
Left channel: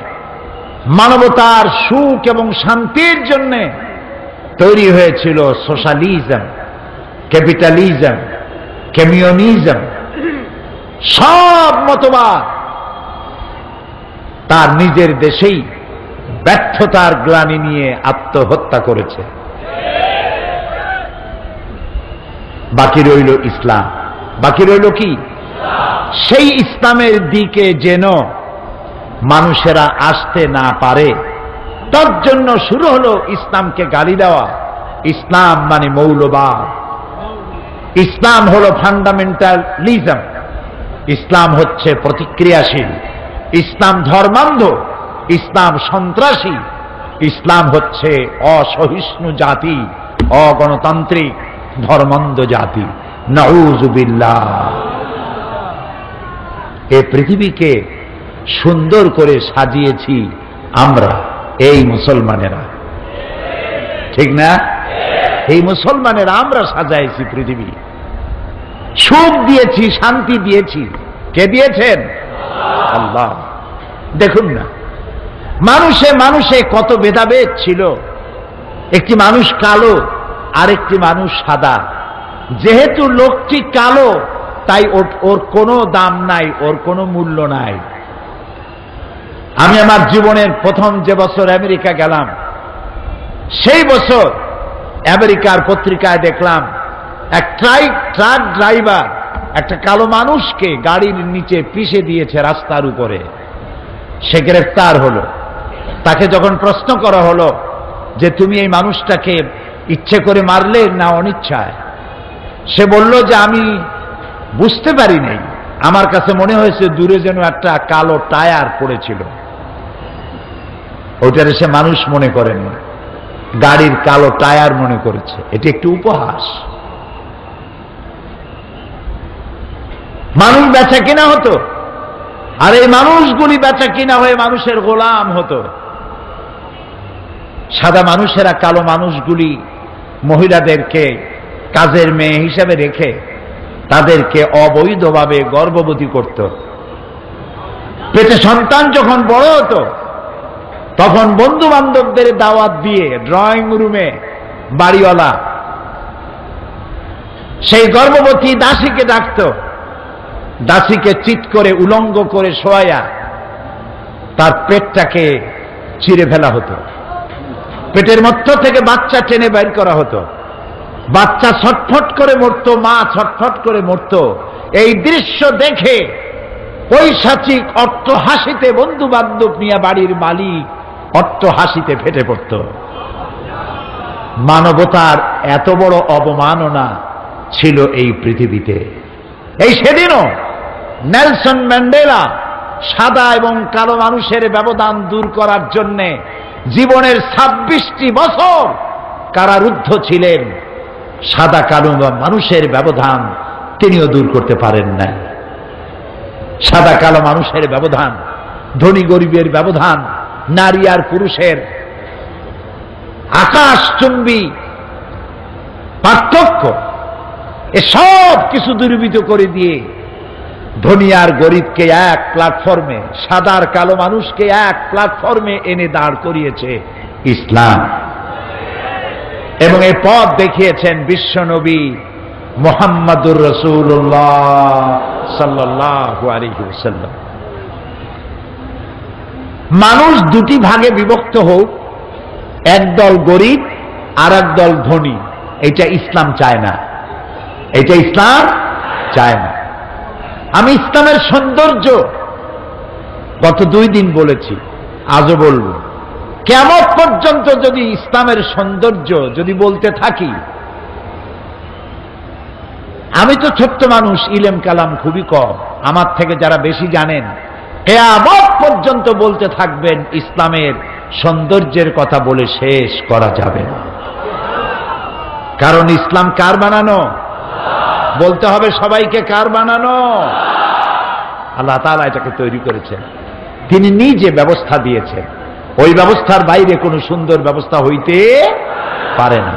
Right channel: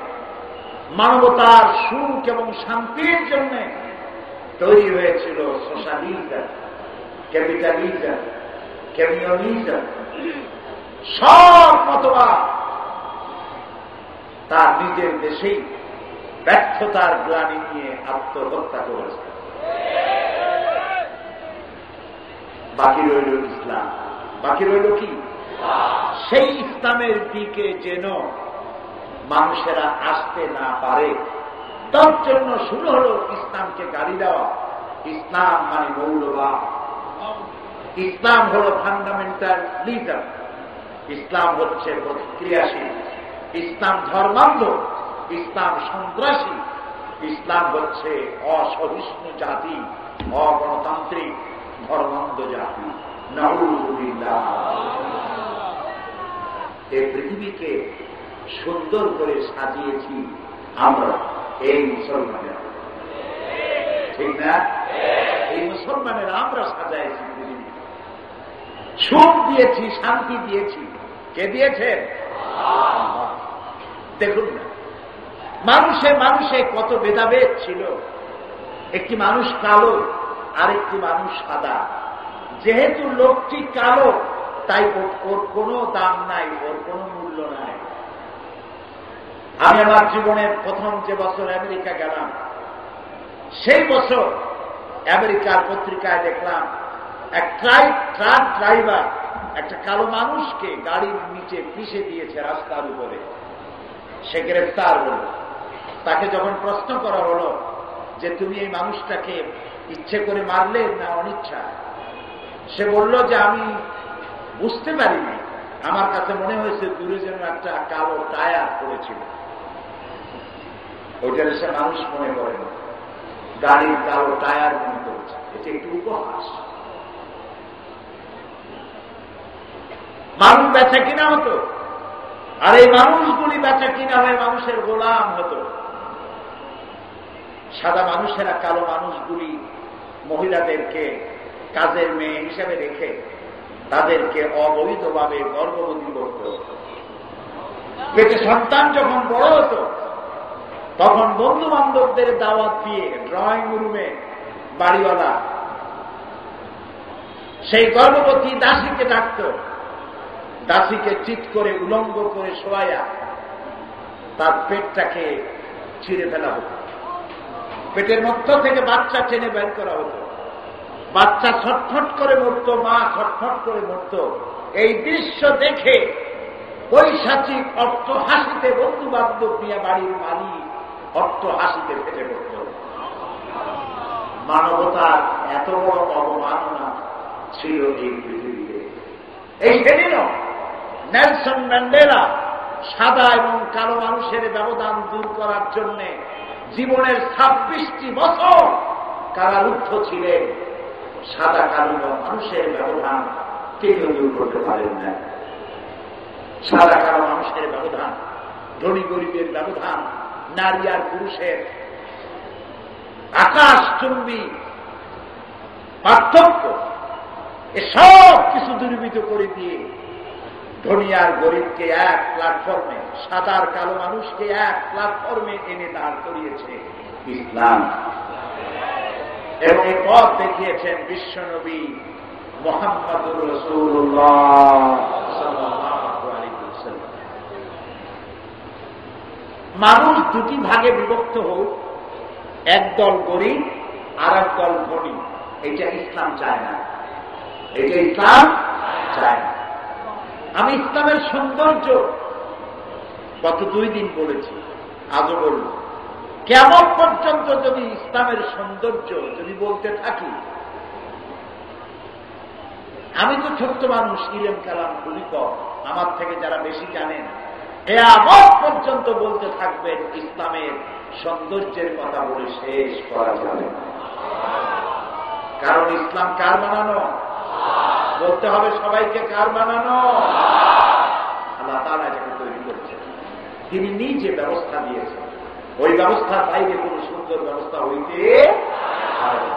মানবতার সুখ এবং শান্তির জন্য তৈরি হয়েছিল সোশ্যালিজম, ক্যাপিটালিজম, কমিউনিজম। সব মতবাদ তার নিজের দেশেই ব্যর্থতার গ্লানি নিয়ে আত্মহত্যা করেছে। বাকি রইল ইসলাম। বাকি রইল কি? সেই ইসলামের দিকে যেন মানুষেরা আসতে না পারে, তার জন্য শুরু হলো ইসলামকে গালি দেওয়া। ইসলাম মানে মৌলবাদ, ইসলাম হলো ফান্ডামেন্টালিজম, ইসলাম হচ্ছে প্রতিক্রিয়াশীল, ইসলাম ধর্মান্ধ, ইসলাম সন্ত্রাসী, ইসলাম হচ্ছে অসহিষ্ণু জাতি, অগণতান্ত্রিক ধর্মান্ধ জাতি। নাউযুবিল্লাহ। এই পৃথিবীকে সুন্দর করে সাজিয়েছি আমরা, এই মুসলমানেরা, ঠিক না? এই মুসলমানেরা আমরা সাজাইছি পৃথিবী, সুখ দিয়েছি, শান্তি দিয়েছি। কে দিয়েছেন? আল্লাহ। দেখুন না, মানুষে মানুষে কত ভেদাভেদ ছিল। একটি মানুষ কালো, আরেকটি মানুষ সাদা। যেহেতু লোকটি কালো, তাই ওর কোনো দাম নাই, ওর কোনো মূল্য নাই। আমি আমার জীবনের প্রথম যে বছর আমেরিকা গেলাম, সেই বছর আমেরিকার পত্রিকায় দেখলাম এক ট্রাক ড্রাইভার একটা কালো মানুষকে গাড়ির নিচে পিষে দিয়েছে রাস্তার উপরে। সে গ্রেফতার হলো। তাকে যখন প্রশ্ন করা হলো যে তুমি এই মানুষটাকে ইচ্ছে করে মারলে না অনিচ্ছায়, সে বলল যে আমি বুঝতে পারি নাই, আমার কাছে মনে হয়েছে দূরে যেন একটা কালো টায়ার পড়েছিল। ওইটারে সে মানুষ মনে করেন না, গাড়ির কালো টায়ার মনে করেছে। এটি একটি উপহাস। মানুষ বেচা কিনা হতো, আর এই মানুষগুলি বেচা কিনা হয়ে মানুষের গোলাম হতো। সাদা মানুষেরা কালো মানুষগুলি মহিলাদেরকে কাজের মেয়ে হিসাবে রেখে তাদেরকে অবৈধভাবে গর্ভবতী করত। পেটে সন্তান যখন বড় হতো তখন বন্ধু বান্ধবদের দাওয়াত দিয়ে ড্রয়িং রুমে বাড়িওয়ালা সেই গর্ভবতী দাসীকে ডাকত, দাসীকে চিৎ করে উলঙ্গ করে শোয়াইয়া তার পেটটাকে চিরে ফেলা হতো, পেটের মধ্য থেকে বাচ্চা টেনে বের করা হতো, বাচ্চা ছটফট করে মরত, মা ছটফট করে মরত। এই দৃশ্য দেখে পৈশাচিক অট্ট হাসিতে বন্ধু বান্ধব নিয়ে বাড়ির মালিক অট্ট হাসিতে ফেটে পড়ত। মানবতার এত বড় অবমাননা ছিল এই পৃথিবীতে। এই সেদিনও নেলসন ম্যান্ডেলা সাদা এবং কালো মানুষের ব্যবধান দূর করার জন্য জীবনের 26টি বছর কারারুদ্ধ ছিলেন। সাদা কালো মানুষের ব্যবধান তিনিও দূর করতে পারেন নাই। সাদা কালো মানুষের ব্যবধান, ধনী গরিবের ব্যবধান, নারী আর পুরুষের আকাশচুম্বী পার্থক্য, এসব কিছু দূরীভূত করে দিয়ে ধনী আর গরিবকে এক প্ল্যাটফর্মে, সাদা আর কালো মানুষকে এক প্ল্যাটফর্মে এনে দাঁড় করিয়েছে ইসলাম। এবং এই পথ দেখিয়েছেন বিশ্বনবী মুহাম্মাদুর রাসূলুল্লাহ সাল্লাল্লাহু আলাইহি ওয়াসাল্লাম। মানুষ দুটি ভাগে বিভক্ত হোক, একদল গরিব আর একদল ধনী, এটা ইসলাম চায় না, এটা ইসলাম চায় না। আমি ইসলামের সৌন্দর্য গত 2 দিন বলেছি, আজও বলব। কিয়ামত পর্যন্ত যদি ইসলামের সৌন্দর্য যদি বলতে থাকি, আমি তো ছোট্ট মানুষ, ইলম কালাম খুবই কম, আমার থেকে যারা বেশি জানেন কিয়ামত পর্যন্ত বলতে থাকবেন, ইসলামের সৌন্দর্যের কথা বলে শেষ করা যাবে না। কারণ ইসলাম কার বানানো? বলতে হবে সবাইকে, কার বানানো? আল্লাহ তাআলা এটাকে তৈরি করেছেন, তিনি নিজে ব্যবস্থা দিয়েছেন। ওই ব্যবস্থার বাইরে কোনো সুন্দর ব্যবস্থা হইতে পারে না।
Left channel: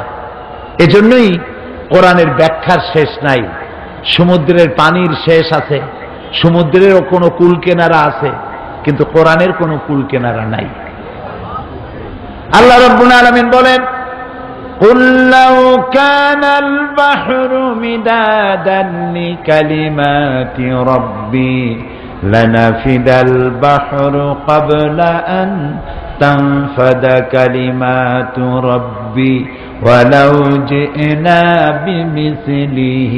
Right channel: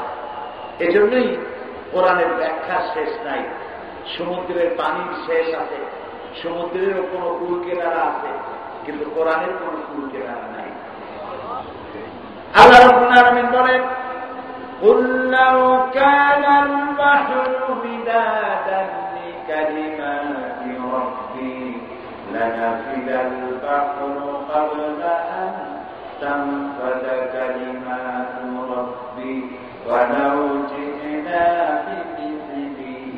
এজন্যই কোরআনের ব্যাখ্যার শেষ নাই। সমুদ্রের পানির শেষ আছে, সমুদ্রেরও কোনো কুল কেনারা আছে, কিন্তু কোরআনের কোনো কুল কেনারা নাই। আল্লাহ রাব্বুল আলামিন বলেন, قُلْ لَوْ كَانَ الْبَحْرُ مِدَادًا لِكَلِمَاتِ رَبِّي لَنَفِدَ الْبَحْرُ قَبْلَ أَنْ تَنْفَدَ كَلِمَاتُ رَبِّي وَلَوْ جِئْنَا بِمِثْلِهِ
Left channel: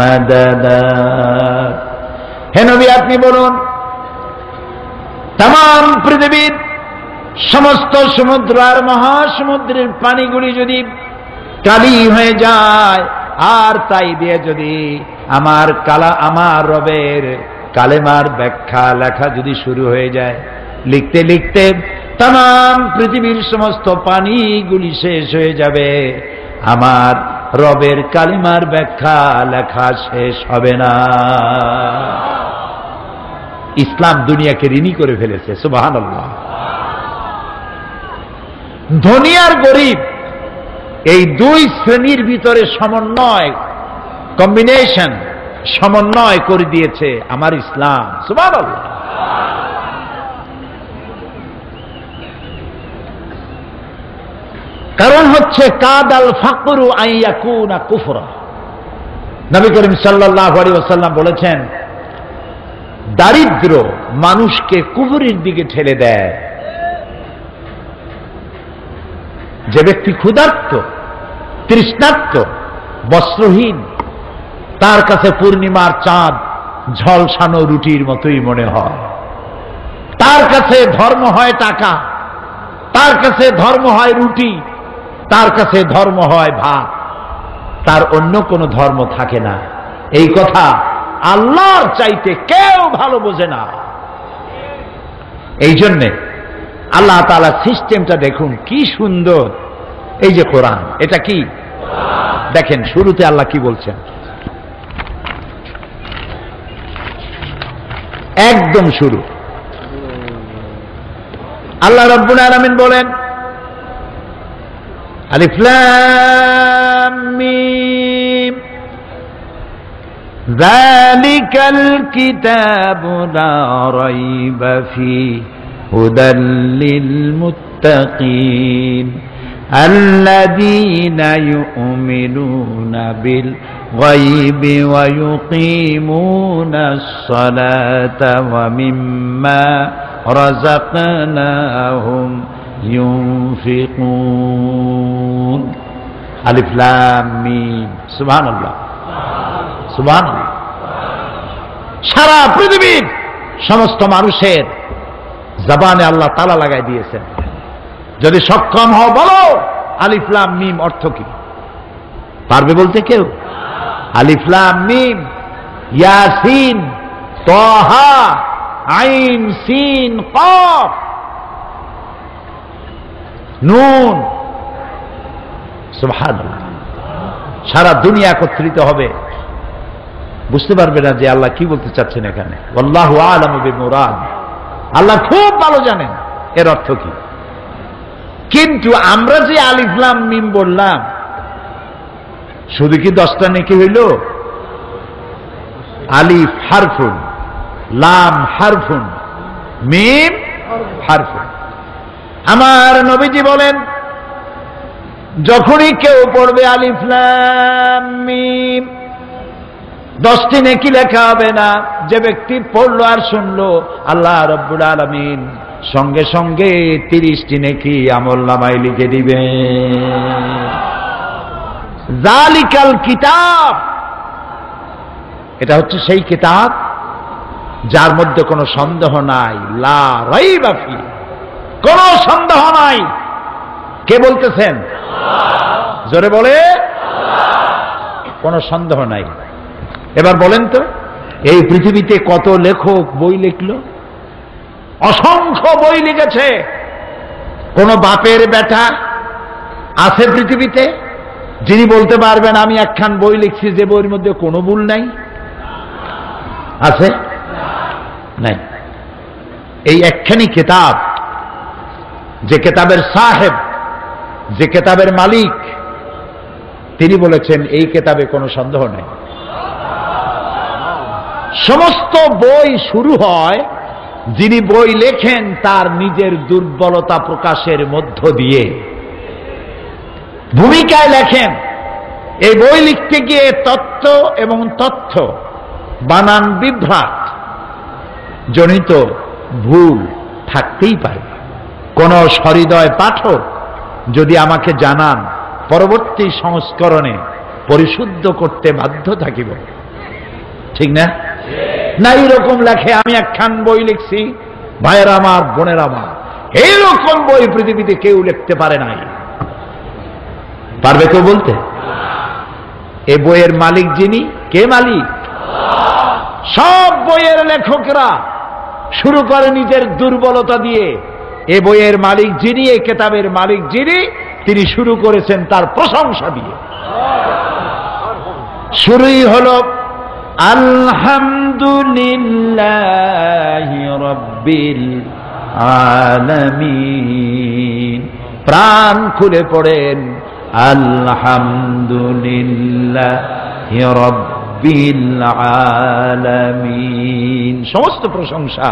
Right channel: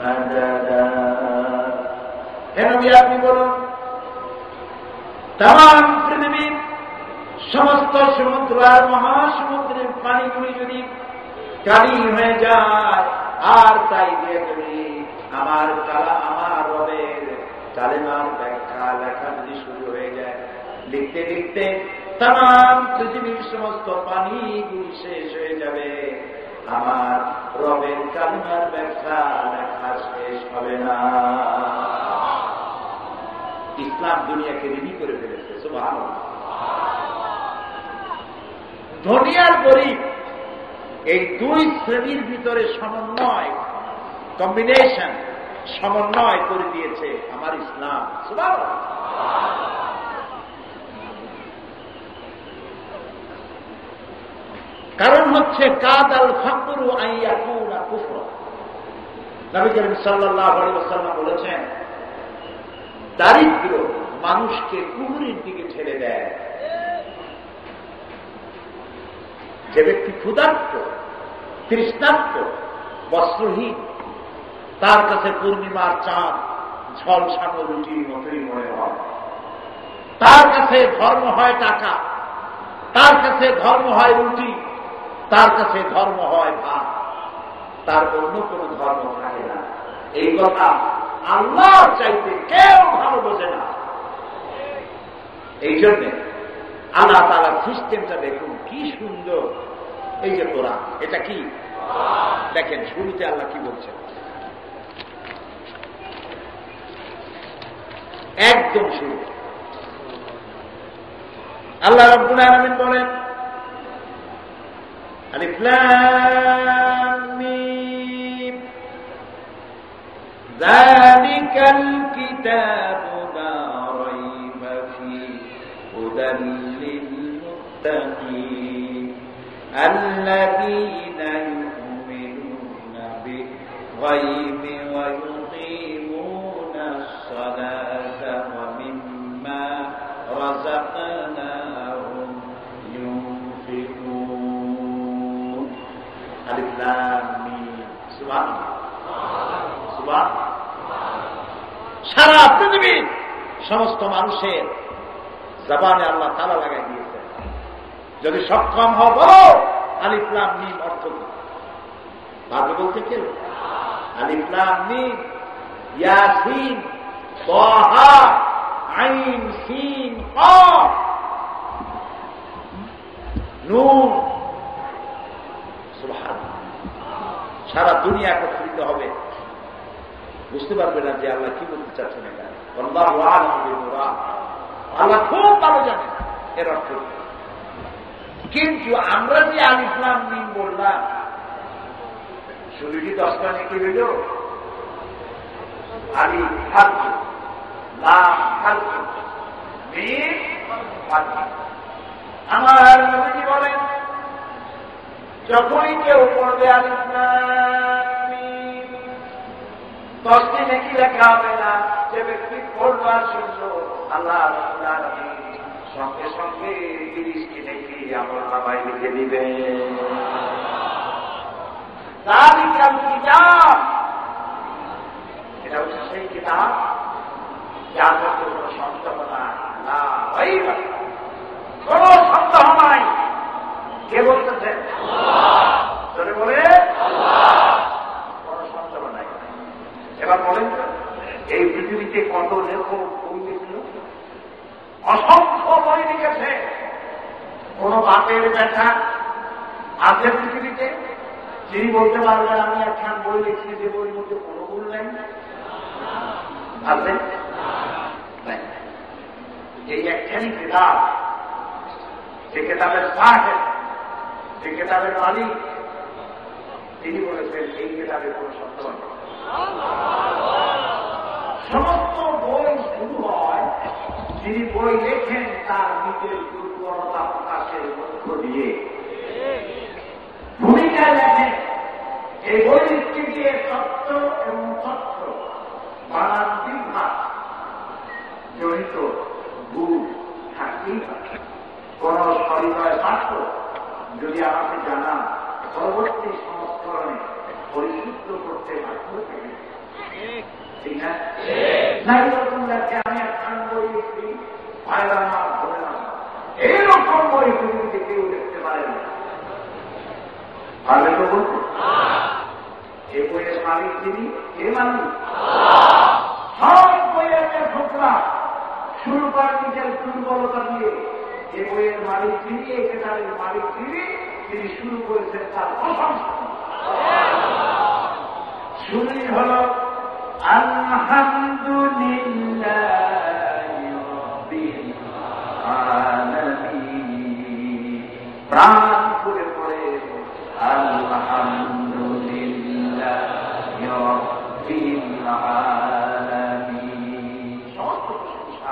مَدَدًا। হে নবী, আপনি বলুন, তাম পৃথিবীর সমস্ত সমুদ্র আর মহাসমুদ্রের পানিগুলি যদি কালি হয়ে যায়, আর তাই দিয়ে যদি আমার রবের কালেমার ব্যাখ্যা লেখা যদি শুরু হয়ে যায়, লিখতে লিখতে তাম পৃথিবীর সমস্ত পানিগুলি শেষ হয়ে যাবে, আমার রবের কালিমার ব্যাখ্যা লেখা শেষ হবে না। ইসলাম দুনিয়াকে ঋণী করে ফেলেছে, সুবহানাল্লাহ। ধনী আর গরিব এই 2 শ্রেণীর ভিতরে সমন্বয়, কম্বিনেশন, সমন্বয় করে দিয়েছে আমার ইসলাম, সুবহানাল্লাহ। কারণ হচ্ছে কাদাল ফাকরু আন ইয়াকুনা কুফরা। নবী করিম সাল্লাল্লাহু আলাইহি ওয়াসাল্লাম বলেছেন, দারিদ্র মানুষকে কুফরির দিকে ঠেলে দেয়। যে ব্যক্তি ক্ষুধার্ত, তৃষ্ণার্ত, বস্ত্রহীন, তার কাছে পূর্ণিমার চাঁদ ঝলসানো রুটির মতোই মনে হয়। তার কাছে ধর্ম হয় টাকা, তার কাছে ধর্ম হয় রুটি, তার কাছে ধর্ম হয় ভাত, তার অন্য কোনো ধর্ম থাকে না। এই কথা আল্লাহর চাইতে কেউ ভালো বোঝে না। এই জন্যে আল্লাহ তাআলা সিস্টেমটা দেখুন কি সুন্দর। এই যে কোরআন, এটা কি দেখেন, শুরুতে আল্লাহ কি বলছেন, একদম শুরু আল্লাহ রাব্বুল আলামিন বলেন, আলিফ লাম মিম যালিকাল কিতাবু লা রাইবা ফীহি হুদাল লিল মুত্তাকিন আল্লাযীনা ইউমিনুনা বিল গায়বি ওয়া ইউকিমুনাস সালাতা ওয়া মিম্মা রাযাকনাহুম ইউনফিকুন। আলিফ লাম মিম। সুবহানাল্লাহ, সুবহানাল্লাহ। সারা পৃথিবীর সমস্ত মানুষের জবানে আল্লাহ তালা লাগাই দিয়েছেন। যদি সক্ষম হও বলো আলিফ লাম মিম অর্থ কি? পারবে বলতে কেউ? আলিফ লাম মিম, ইয়াসিন, তাহা, আইন সিন কাফ, নুন। সুবহানাল্লাহ। সারা দুনিয়া একত্রিত হবে, বুঝতে পারবে না যে আল্লাহ কি বলতে চাচ্ছেন এখানে। আল্লাহু আ'লামু বিল-মুরাদ। আল্লাহ খুব ভালো জানেন এর অর্থ কি। কিন্তু আমরা যে আলিফ লাম মিম বললাম, শুধু কি 10টা নেকি হইল? আলিফ হারফুন, লাম হারফুন, মিম হারফুন। আমার নবীজি বলেন, যখনই কেউ পড়বে আলিফ লাম মিম, 10টি নেকি লেখা হবে না। যে ব্যক্তি পড়লো আর শুনলো, আল্লাহ রাব্বুল আলামিন সঙ্গে সঙ্গে 30টি নেকি আমলনামায় লিখে দিবেন। যালিকাল কিতাব, এটা হচ্ছে সেই কিতাব যার মধ্যে কোনো সন্দেহ নাই। লা রাইবা ফি, কোনো সন্দেহ নাই। কে বলতেছেন? জোরে বলে। কোনো সন্দেহ নাই। এবার বলেন তো, এই পৃথিবীতে কত লেখক বই লিখলো? অসংখ্য বই লিখেছে। কোন বাপের বেটা আছে পৃথিবীতে যিনি বলতে পারবেন আমি একখান বই লিখছি যে বইয়ের মধ্যে কোনো ভুল নাই? আছে? নাই। এই একখানি কিতাব, যে কিতাবের সাহেব, যে কিতাবের মালিক, তিনি বলেছেন এই কিতাবে কোনো সন্দেহ নাই। সমস্ত বই শুরু হয়, যিনি বই লেখেন তার নিজের দুর্বলতা প্রকাশের মধ্য দিয়ে ভূমিকায় লেখেন। এই বই লিখতে গিয়ে তত্ত্ব এবং তথ্য বানান বিভ্রাট জনিত ভুল থাকতেই পারে। কোন সহৃদয় পাঠক যদি আমাকে জানান, পরবর্তী সংস্করণে পরিশুদ্ধ করতে বাধ্য থাকিব। ঠিক না? না এরকম লেখে আমি একখান বই লিখছি, ভাইয়ের আমার, বোনের আমার, এইরকম বই পৃথিবীতে কেউ লিখতে পারে নাই। পারবে কেউ বলতে? এই বইয়ের মালিক যিনি, কে মালিক? সব বইয়ের লেখকরা শুরু করে নিজের দুর্বলতা দিয়ে। এ বইয়ের মালিক যিনি, এই কিতাবের মালিক যিনি, তিনি শুরু করেছেন তার প্রশংসা দিয়ে। শুরুই হলো আলহামদুলিল্লাহি রাব্বিল আলামিন। প্রাণ খুলে পড়েন আলহামদুলিল্লাহি রাব্বিল আলামিন। সমস্ত প্রশংসা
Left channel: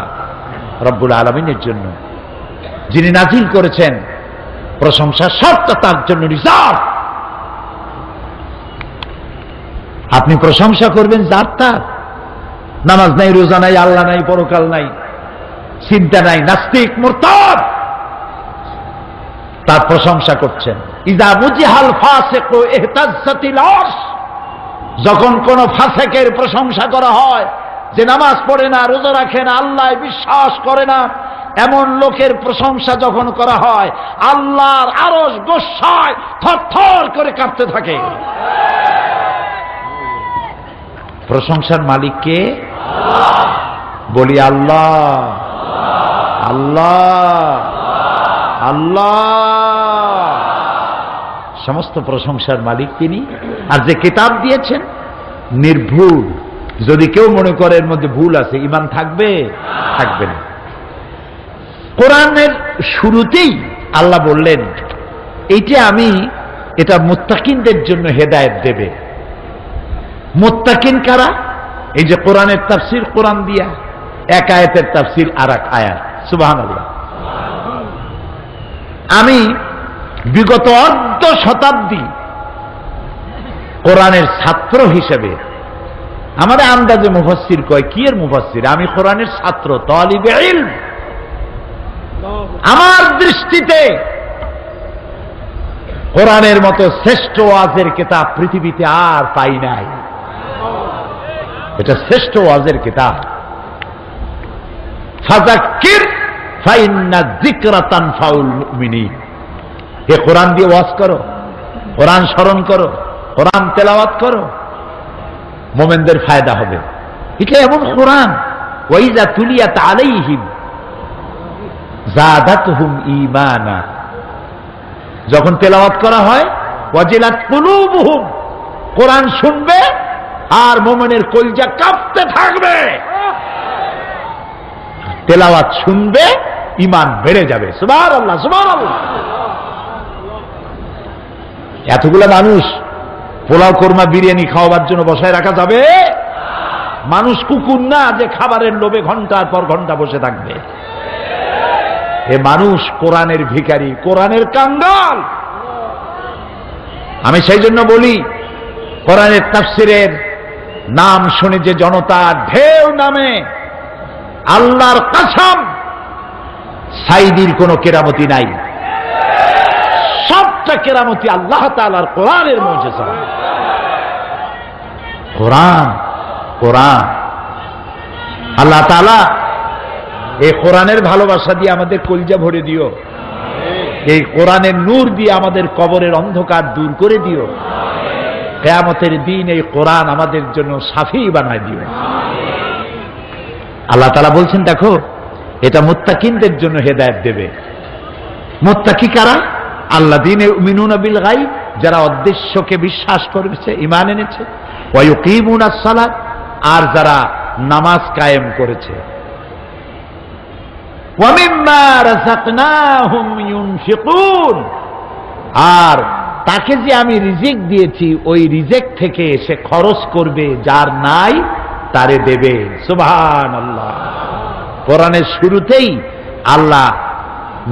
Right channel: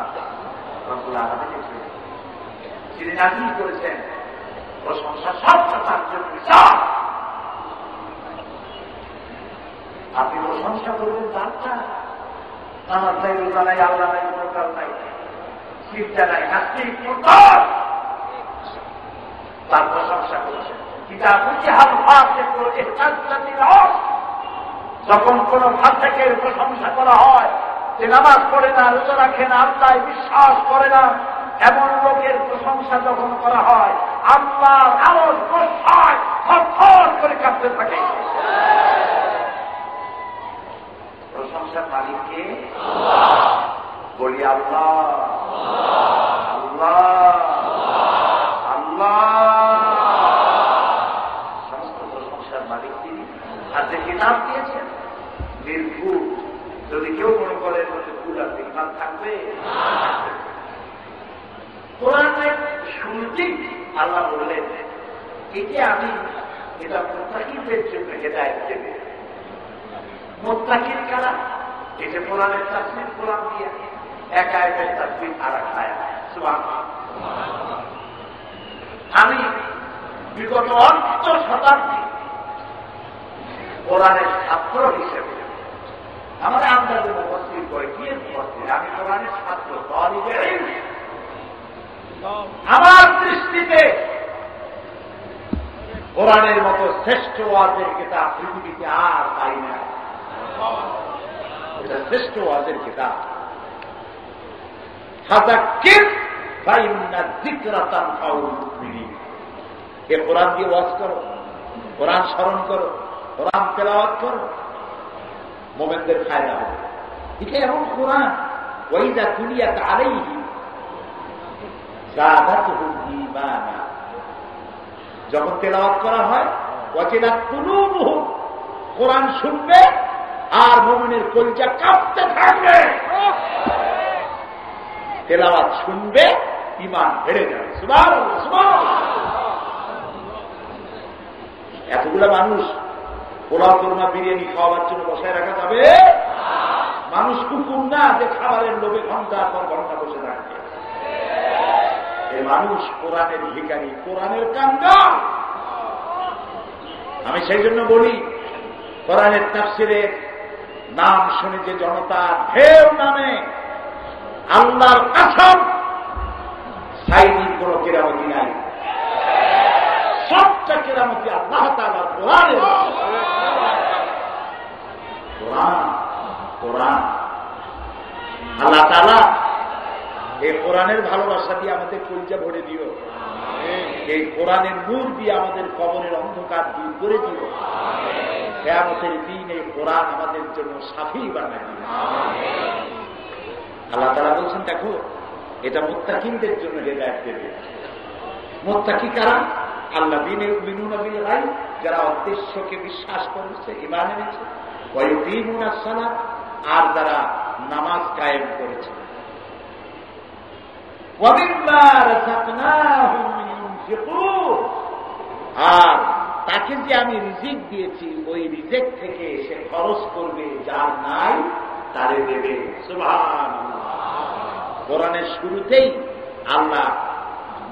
রব্বুল আলামিনের জন্য, যিনি নাজিল করেছেন। প্রশংসা সবটা তার জন্য রিজার্ভ। আপনি প্রশংসা করবেন যার তার। নামাজ নাই, রোজা নাই, আল্লাহ নাই, পরকাল নাই, চিন্তা নাই, নাস্তিক, মুরতাদ, তার প্রশংসা করছেন। ইযা মুজিহাল ফাসিকু ইহতাজ্জাতিল আরশ, যখন কোন ফাসিকের প্রশংসা করা হয়, যে নামাজ পড়ে না, রোজা রাখে না, আল্লাহ বিশ্বাস করে না, এমন লোকের প্রশংসা যখন করা হয়, আল্লাহর আরশ গোসায় থরথর করে কাঁপতে থাকে। প্রশংসার মালিক কে? বলি আল্লাহ, আল্লাহ, আল্লাহ। সমস্ত প্রশংসার মালিক তিনি। আর যে কিতাব দিয়েছেন নির্ভুল। যদি কেউ মনে করে এর মধ্যে ভুল আছে, ঈমান থাকবে? থাকবে না। কোরআনের শুরুতেই আল্লাহ বললেন, এটা মুত্তাকিনদের জন্য হেদায়েত দেবে। মুত্তাকিন কারা? এই যে কোরআনের তাফসীর কোরআন দিয়া, এক আয়াতের তাফসীর আর এক আয়াত। সুবহানাল্লাহ। আমি বিগত অর্ধ শতাব্দী কোরআনের ছাত্র হিসেবে আমার আন্দাজে মুফাসসির কয়, কি এর মুফাসসির? আমি কোরআনের ছাত্র, তালিবে ইলম। আমার দৃষ্টিতে কোরআনের মতো শ্রেষ্ঠ ওয়াজের কিতাব পৃথিবীতে আর পাই নাই। এটা শ্রেষ্ঠ ওয়াজের কিতাব। ফাযাক্কির ফাইন্না যিকরা তানফাউল মুমিনিন। এ কোরআন দিয়ে ওয়াজ করো, কোরআন স্মরণ করো, কোরআন তেলাওয়াত করো, মুমিনদের ফায়দা হবে। এটা এমন কোরআন, ওয়াইযা তুলিয়াত আলাইহিম যাদাতহুম ঈমানা। যখন তেলাওয়াত করা হয়, ওয়াজিলাত কুলুবুহুম, কোরআন শুনবে আর মুমিনের কলিজা কাঁপতে থাকবে। তেলাওয়াত শুনবে, ঈমান বেড়ে যাবে। সুবহানাল্লাহ, সুবহানাল্লাহ। এতগুলো মানুষ পোলাও কোরমা বিরিয়ানি খাওয়াবার জন্য বসায় রাখা যাবে? মানুষ কুকুর না যে খাবারের লোভে ঘন্টার পর ঘন্টা বসে থাকবে। এ মানুষ কোরআনের ভিখারি, কোরআনের কাঙ্গাল। আমি সেই জন্য বলি, কোরআনের তাফসীরের নাম শুনে যে জনতা ঢেউ নামে, আল্লাহর কসম সাইদির কোনো কেরামতি নাই। সবটা কেরামতি আল্লাহ তাআলার কোরআনের মুজিজা। কোরআন, কোরআন। আল্লাহ তাআলা এই কোরআনের ভালোবাসা দিয়ে আমাদের কলিজা ভরে দিও। এই কোরআনের নূর দিয়ে আমাদের কবরের অন্ধকার দূর করে দিও। কিয়ামতের দিন এই কোরআন আমাদের জন্য শাফি বানায় দিও। আল্লাহ তাআলা বলছেন, দেখো এটা মুত্তাকিনদের জন্য হেদায়েত দেবে। মুত্তাকি কারা? আল্লাযীনা ইউমিনুনা বিল গায়ব, যারা অদৃশ্যকে বিশ্বাস করেছে, ঈমান এনেছে। ওয়া ইউকিমুনাস সালাত, আর যারা নামাজ কায়েম করেছে। ওয়া মিম্মা রাযাকনাহুম ইউনফিকুন, আর তাকে যে আমি রিজিক দিয়েছি ওই রিজিক থেকে সে খরচ করবে, যার নাই তারে দেবে। সুবহানাল্লাহ। কোরআনের শুরুতেই আল্লাহ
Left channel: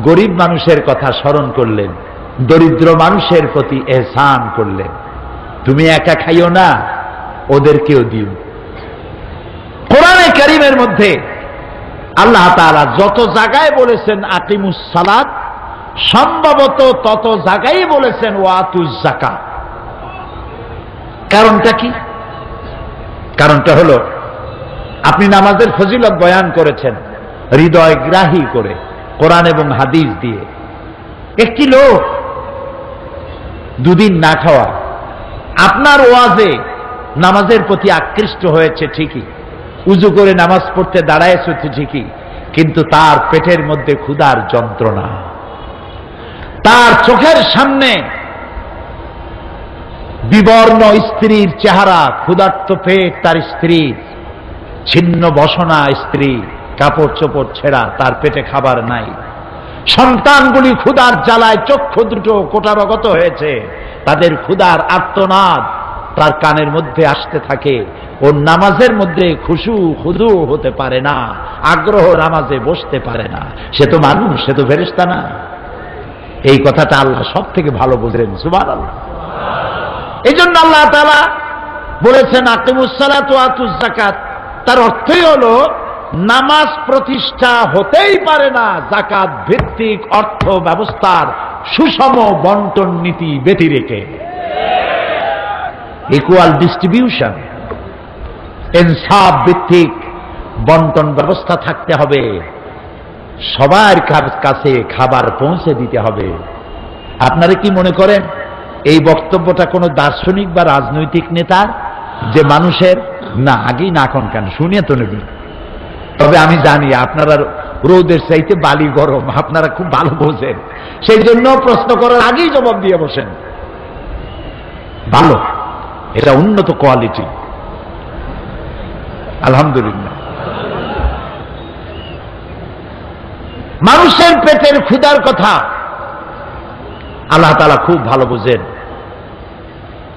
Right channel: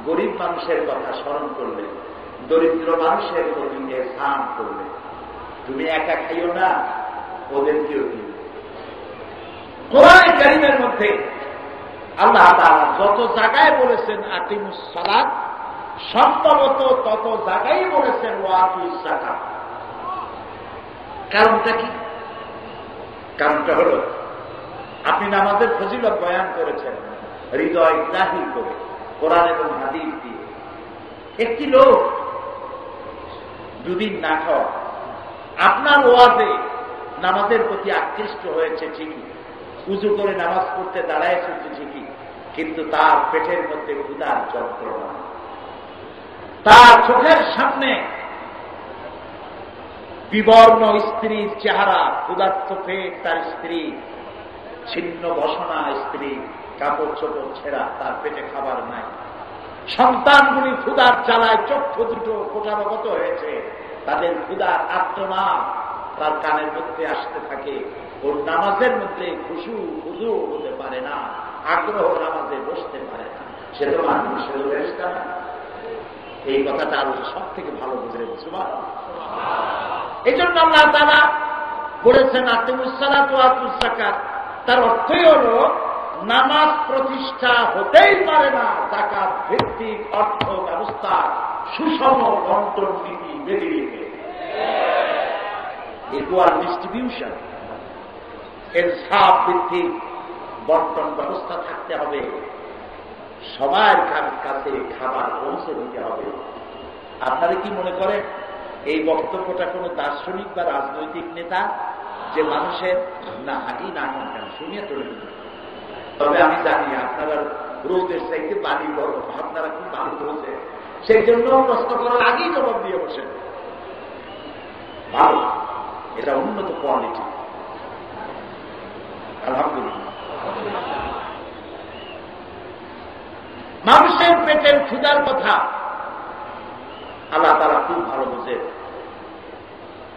গরিব মানুষের কথা স্মরণ করলেন, দরিদ্র মানুষের প্রতি এহসান করলেন। তুমি একা খাইও না, ওদেরকেও দিও। কোরআনে কারীমের মধ্যে আল্লাহ তাআলা যত জায়গায় বলেছেন আকিমুস সালাত, সম্ভবত তত জায়গায় বলেছেন ওয়াতুজ যাকাত। কারণটা কি? কারণটা হলো, আপনি নামাজের ফজিলত বয়ান করেছেন হৃদয় গ্রাহী করে, কোরআন এবং হাদিস দিয়ে। একটি লোক দুদিন না খাওয়া আপনার ওয়াজে নামাজের প্রতি আকৃষ্ট হয়েছে ঠিকই, উজু করে নামাজ পড়তে দাঁড়ায়ছে ঠিকই, কিন্তু তার পেটের মধ্যে ক্ষুধার যন্ত্রণা। তার চোখের সামনে বিবর্ণ স্ত্রীর চেহারা, ক্ষুধার্ত পেট তার স্ত্রী, ছিন্ন বসনা স্ত্রী, কাপড় চোপড় ছেঁড়া, তার পেটে খাবার নাই। সন্তানগুলি ক্ষুধার জ্বালায় চক্ষু দুটো কোটারগত হয়েছে, তাদের ক্ষুধার আর্তনাদ তার কানের মধ্যে আসতে থাকে। ও নামাজের মধ্যে খুশু খুদু হতে পারে না, আগ্রহ নামাজে বসতে পারে না। সে তো মানুষ, সে তো ফেরেশতা না। এই কথাটা আল্লাহ সব থেকে ভালো বুঝলেন। সুবহানাল্লাহ। এই জন্য আল্লাহ তাআলা বলেছেন আকিমুস সালাত ওয়া আতুজ যাকাত। তার অর্থই হলো নামাজ প্রতিষ্ঠা হতেই পারে না যাকাত ভিত্তিক অর্থ ব্যবস্থার সুষম বন্টন নীতি ব্যতিরেকে। ইকুয়াল ডিস্ট্রিবিউশন, ইনসাফ ভিত্তিক বন্টন ব্যবস্থা থাকতে হবে। সবার কাছে খাবার পৌঁছে দিতে হবে। আপনারা কি মনে করেন এই বক্তব্যটা কোনো দার্শনিক বা রাজনৈতিক নেতার, যে মানুষের না আগেই না এখন কেন শুনিয়ে তো নেবেন? তবে আমি জানি আপনারা রোদের চাইতে বালি গরম, আপনারা খুব ভালো বোঝেন, সেই জন্য প্রশ্ন করার আগেই জবাব দিয়ে বসেন। ভালো, এটা উন্নত কোয়ালিটি, আলহামদুলিল্লাহ। মানুষের পেটের ক্ষুধার কথা আল্লাহ তাআলা খুব ভালো বুঝেন,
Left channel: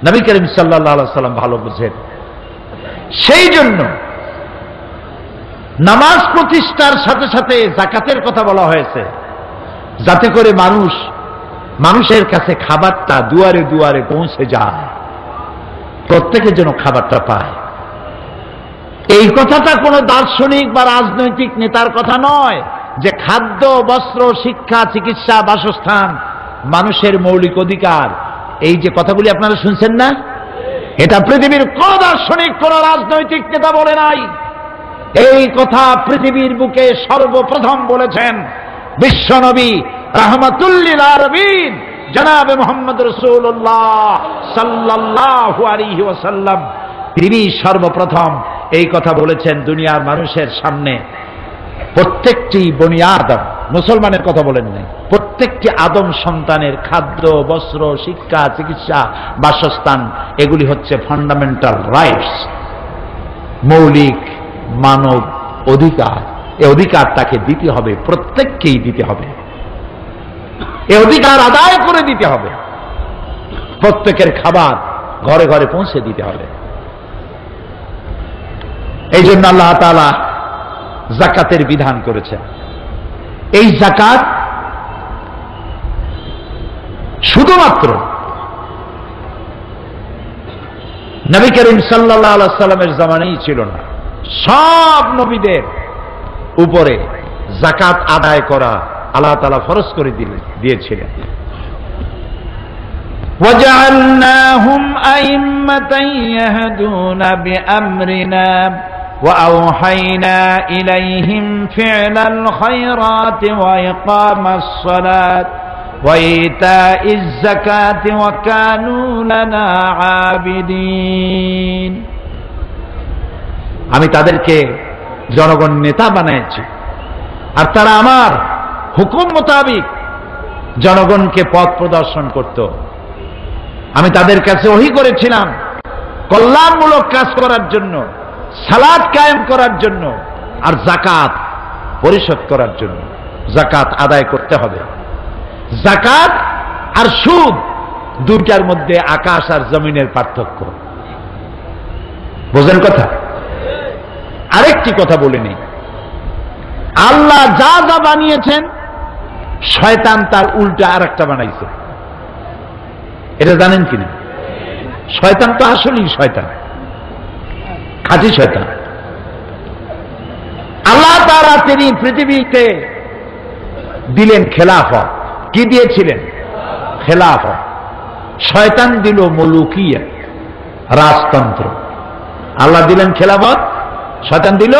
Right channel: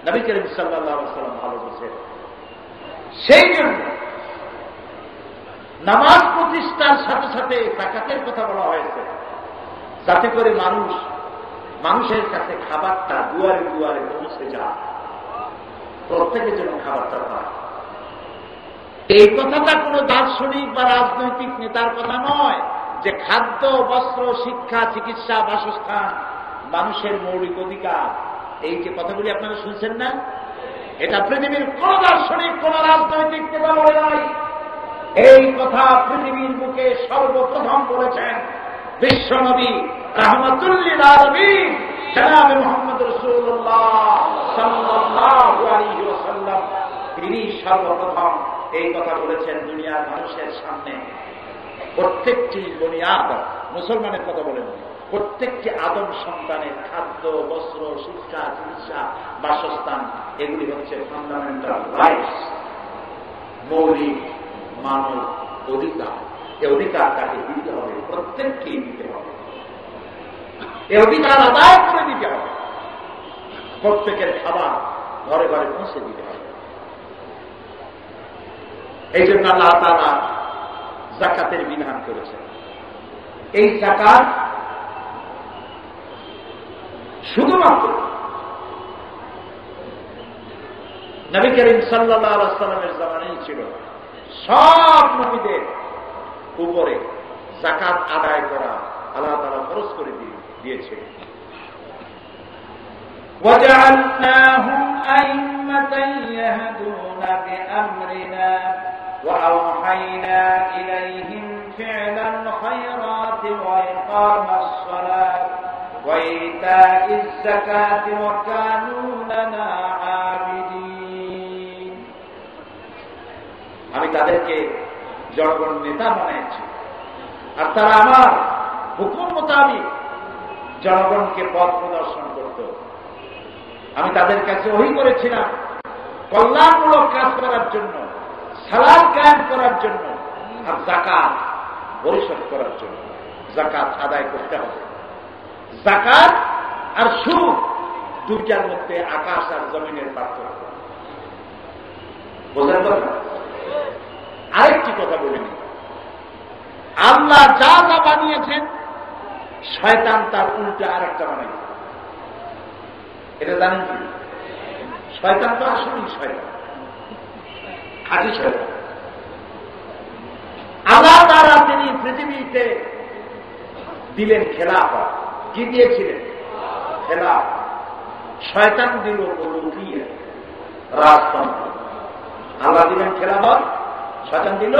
নবী করিম সাল্লাল্লাহু আলাইহি ওয়াসাল্লাম ভালো বুঝেন। সেই জন্য নামাজ প্রতিষ্ঠার সাথে সাথে যাকাতের কথা বলা হয়েছে, যাতে করে মানুষের কাছে খাবারটা দুয়ারে দুয়ারে পৌঁছে যায়, প্রত্যেকের জন্য খাবারটা পায়। এই কথাটা কোনো দার্শনিক বা রাজনৈতিক নেতার কথা নয় যে খাদ্য, বস্ত্র, শিক্ষা, চিকিৎসা, বাসস্থান মানুষের মৌলিক অধিকার। এই যে কথাগুলি আপনারা শুনছেন না, এটা পৃথিবীর কোন দার্শনিক, কোন রাজনৈতিক নেতা বলে নাই। এই কথা পৃথিবীর বুকে সর্বপ্রথম বলেছেন বিশ্বনবী রাহমাতুল্লিল আলামিন জনাবে মুহাম্মদ রাসূলুল্লাহ সাল্লাল্লাহু আলাইহি ওয়াসাল্লাম। তিনি সর্বপ্রথম এই কথা বলেছেন দুনিয়ার মানুষের সামনে। প্রত্যেকটি বনি আদম, মুসলমানের কথা বলেন নাই, প্রত্যেকটি আদম সন্তানের খাদ্য, বস্ত্র, শিক্ষা, চিকিৎসা, বাসস্থান এগুলি হচ্ছে ফান্ডামেন্টাল রাইটস, মৌলিক মানব অধিকার। এই অধিকার তাকে দিতে হবে, প্রত্যেককেই দিতে হবে। এই অধিকার আদায় করে দিতে হবে, প্রত্যেকের খাবার ঘরে ঘরে পৌঁছে দিতে হবে। এই জন্য আল্লাহ তাআলা যাকাতের বিধান করেছেন। এই যাকাত শুধুমাত্র নবী করিম সাল্লাল্লাহু আলাইহি ওয়াসাল্লামের জামানায় ছিল না, সব নবীদের উপরে যাকাত আদায় করা আল্লাহ তাআলা ফরজ করে দিয়েছিলেন। وَجَعَلْنَاهُمْ أَئِمَّةً يَهْدُونَ بِأَمْرِنَا وَأَوْحَيْنَا إِلَيْهِمْ فِعْلَ الْخَيْرَاتِ وَإِقَامَ الصَّلَاةِ وَإِيتَاءِ الزَّكَاةِ وَكَانُوا لَنَا عَابِدِينَ। আমি তাদেরকে জনগণ নেতা বানিয়েছি, আর তারা আমার হুকুম মোতাবেক জনগণকে পথ প্রদর্শন করত। আমি তাদের কাছে ওহী করেছিলাম কল্যাণমূলক কাজ করার জন্য, সালাত কায়েম করার জন্য, আর যাকাত পরিশোধ করার জন্য। যাকাত আদায় করতে হবে। যাকাত আর সুদ দুইটার মধ্যে আকাশ আর জমিনের পার্থক্য, বোঝেন কথা? আরেকটি কথা বলে নেই, আল্লাহ যা যা বানিয়েছেন শয়তান তার উল্টা আরেকটা বানাইছে। এটা জানেন কিনা? শয়তান তো আসলেই শয়তান, খাঁটি শয়তান। আল্লাহ তাআলা তিনি পৃথিবীতে দিলেন খেলাফত। কি দিয়েছিলেন? খেলাফত। শয়তান দিল মুলুকিয়া, রাজতন্ত্র। আল্লাহ দিলেন খেলাফত, শয়তান দিল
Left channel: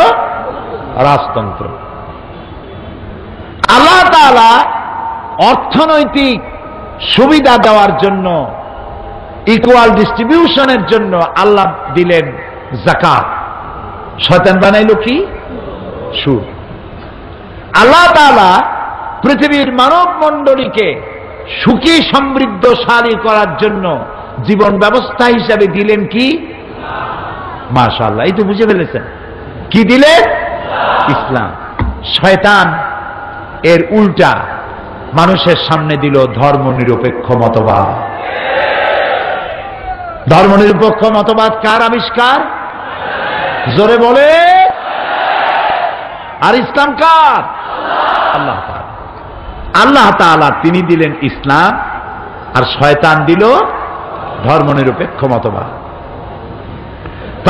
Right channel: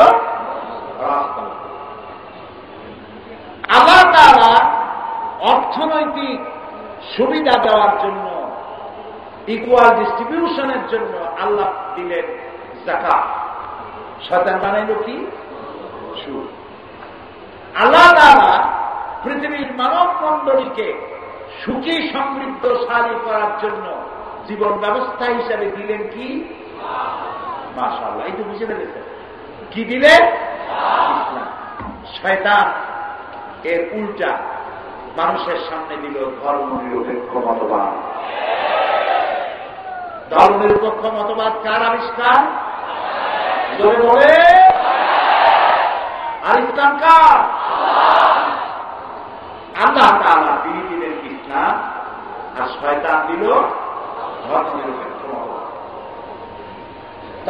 রাজতন্ত্র। আল্লাহ তাআলা অর্থনৈতিক সুবিধা দেওয়ার জন্য, ইকুয়াল ডিস্ট্রিবিউশনের জন্য আল্লাহ দিলেন যাকাত। শয়তান বানাইল কি? সুদ। আল্লাহ তাআলা পৃথিবীর মানব মণ্ডলীকে সুখী সমৃদ্ধশালী করার জন্য জীবন ব্যবস্থা হিসাবে দিলেন কি? মাশাআল্লাহ, এই তো বুঝে ফেলেছেন। কি দিলেন? ইসলাম। শয়তান এর উল্টা মানুষের সামনে দিল ধর্মনিরপেক্ষ মতবাদ। ধর্মনিরপেক্ষ মতবাদ কার আবিষ্কার? জোরে বলে। আর ইসলাম কার? আল্লাহ তাআলা। আল্লাহ তাআলা তিনি দিলেন ইসলাম, আর শয়তান দিল ধর্মনিরপেক্ষ মতবাদ।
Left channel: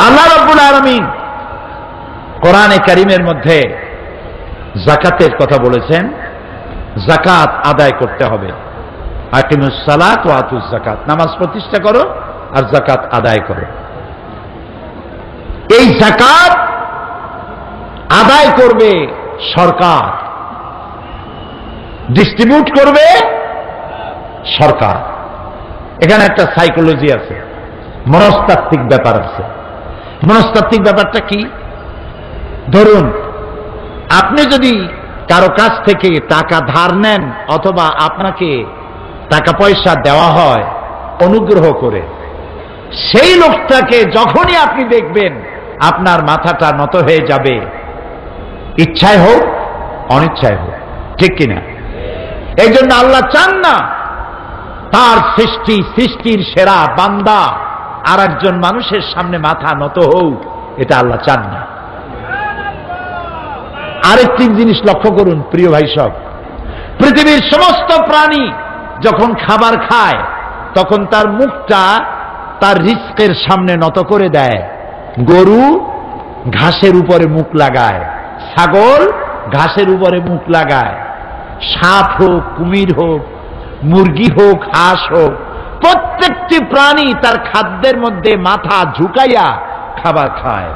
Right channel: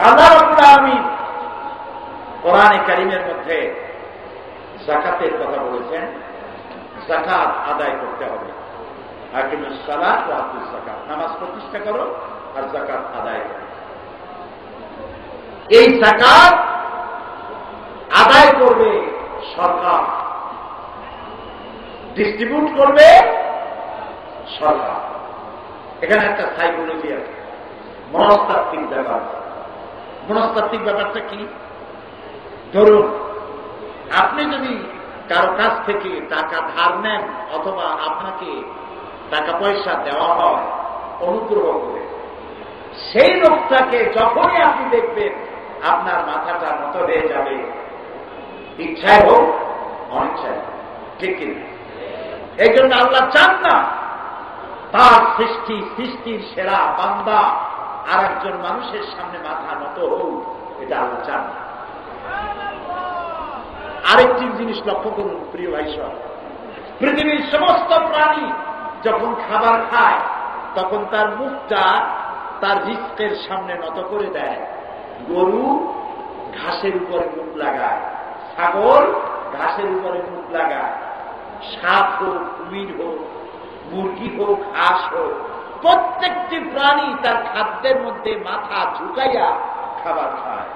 আল্লাহ রাব্বুল আলামিন কোরআনে কারীমের মধ্যে যাকাতের কথা বলেছেন। যাকাত আদায় করতে হবে। আকিমুস সালাত ওয়া আতুজ যাকাত, নামাজ প্রতিষ্ঠা করো আর যাকাত আদায় করো। এই যাকাত আদায় করবে সরকার, ডিস্ট্রিবিউট করবে সরকার। এখানে একটা সাইকোলজি আছে, মনস্তাত্ত্বিক ব্যাপার আছে। মনস্তাত্ত্বিক ব্যাপারটা কি? ধরুন আপনি যদি কারো কাছ থেকে টাকা ধার নেন, অথবা আপনাকে টাকা পয়সা দেওয়া হয় অনুগ্রহ করে, সেই লোকটাকে যখনই আপনি দেখবেন আপনার মাথাটা নত হয়ে যাবে, ইচ্ছায় হোক অনিচ্ছায় হোক, ঠিক কিনা? এই জন্য আল্লাহ চান না তার সৃষ্টির সেরা বান্দা আর একজন মানুষের সামনে মাথা নত হোক, এটা আল্লাহ চান না। আরেকটি জিনিস লক্ষ্য করুন প্রিয় ভাই সব, পৃথিবীর সমস্ত প্রাণী যখন খাবার খায় তখন তার মুখটা তার রিস্কের সামনে নত করে দেয়। গরু ঘাসের উপরে মুখ লাগায়, ছাগল ঘাসের উপরে মুখ লাগায়, সাপ হোক, কুমির হোক, মুরগি হোক, হাঁস হোক, প্রত্যেকটি প্রাণী তার খাদ্যের মধ্যে মাথা ঝুঁকাইয়া খাবার খায়।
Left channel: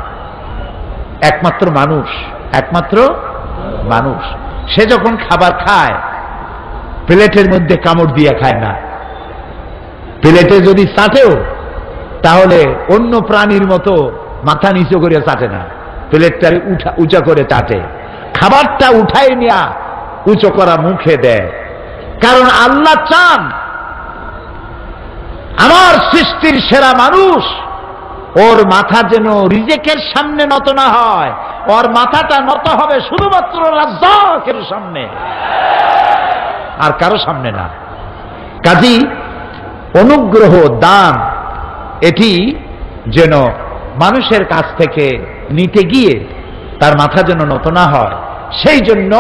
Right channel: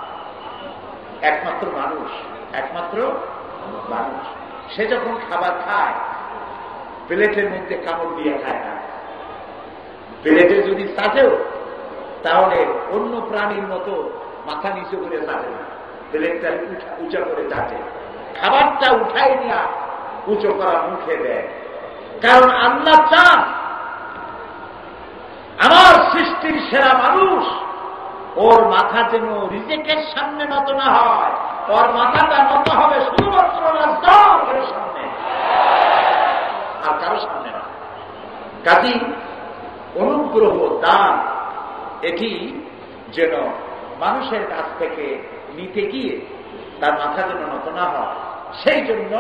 একমাত্র মানুষ সে যখন খাবার খায় প্লেটের মধ্যে কামড় দিয়ে খায় না। প্লেটে যদি চাটেও তাহলে অন্য প্রাণীর মতো মাথা নিচু করে চাটে না, প্লেটটা উঁচা করে চাটে। খাবারটা উঠাই নিয়া উঁচু করা মুখে দেয়, কারণ আল্লাহ চান আমার সৃষ্টির সেরা মানুষ ওর মাথা যেন রিজেকের সামনে নত না হয়, ওর মাথাটা নত হবে শুধুমাত্র রাজ্জাকের সামনে, আর কারো সামনে না। কাজী অনুগ্রহ, দান এটি যেন মানুষের কাছ থেকে নিতে গিয়ে তার মাথা যেন নত না হয়, সেই জন্য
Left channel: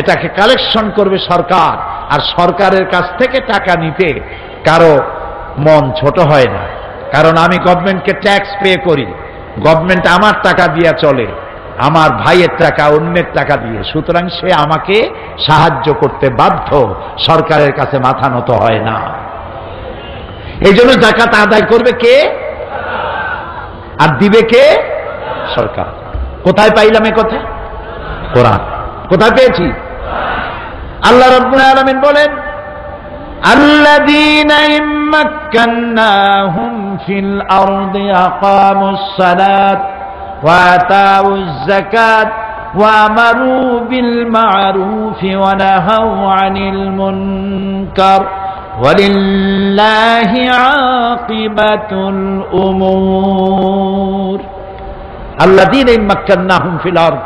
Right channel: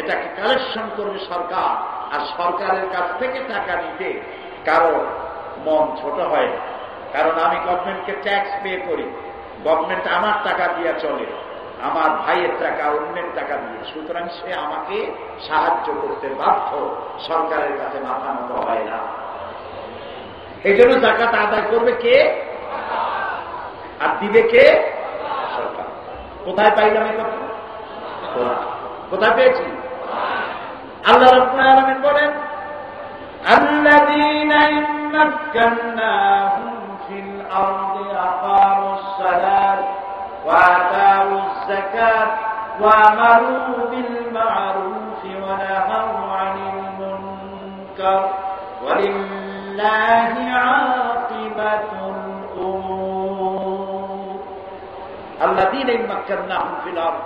এটাকে কালেকশন করবে সরকার। আর সরকারের কাছ থেকে টাকা নিতে কারো মন ছোট হয় না, কারণ আমি গভর্নমেন্টকে ট্যাক্স পে করি, গভর্নমেন্ট আমার টাকা দিয়ে চলে, আমার ভাইয়ের টাকা অন্যের টাকা দিয়ে, সুতরাং সে আমাকে সাহায্য করতে বাধ্য, সরকারের কাছে মাথা নত হয় না। এই জন্য যাকাত আদায় করবে কে আর দিবে কে? সরকার। কোথায় পাইলাম এ কথা? কোরআন। কোথায় পেয়েছি? আল্লাহ রাব্বুল আলামিন বলেন, আল্লাযীনা ইম্মাক্কান্নাহুম ফিল আরদি আকামুস সালাত ওয়া আতাউয যাকাত ওয়া আমারু বিল মা'রুফি ওয়া নাহাউ আনিল মুনকার ওয়ালিল্লাহি আকিবাতুল উমুর। আল্লাযীনা ইম্মাক্কান্নাহুম ফিল আরদ,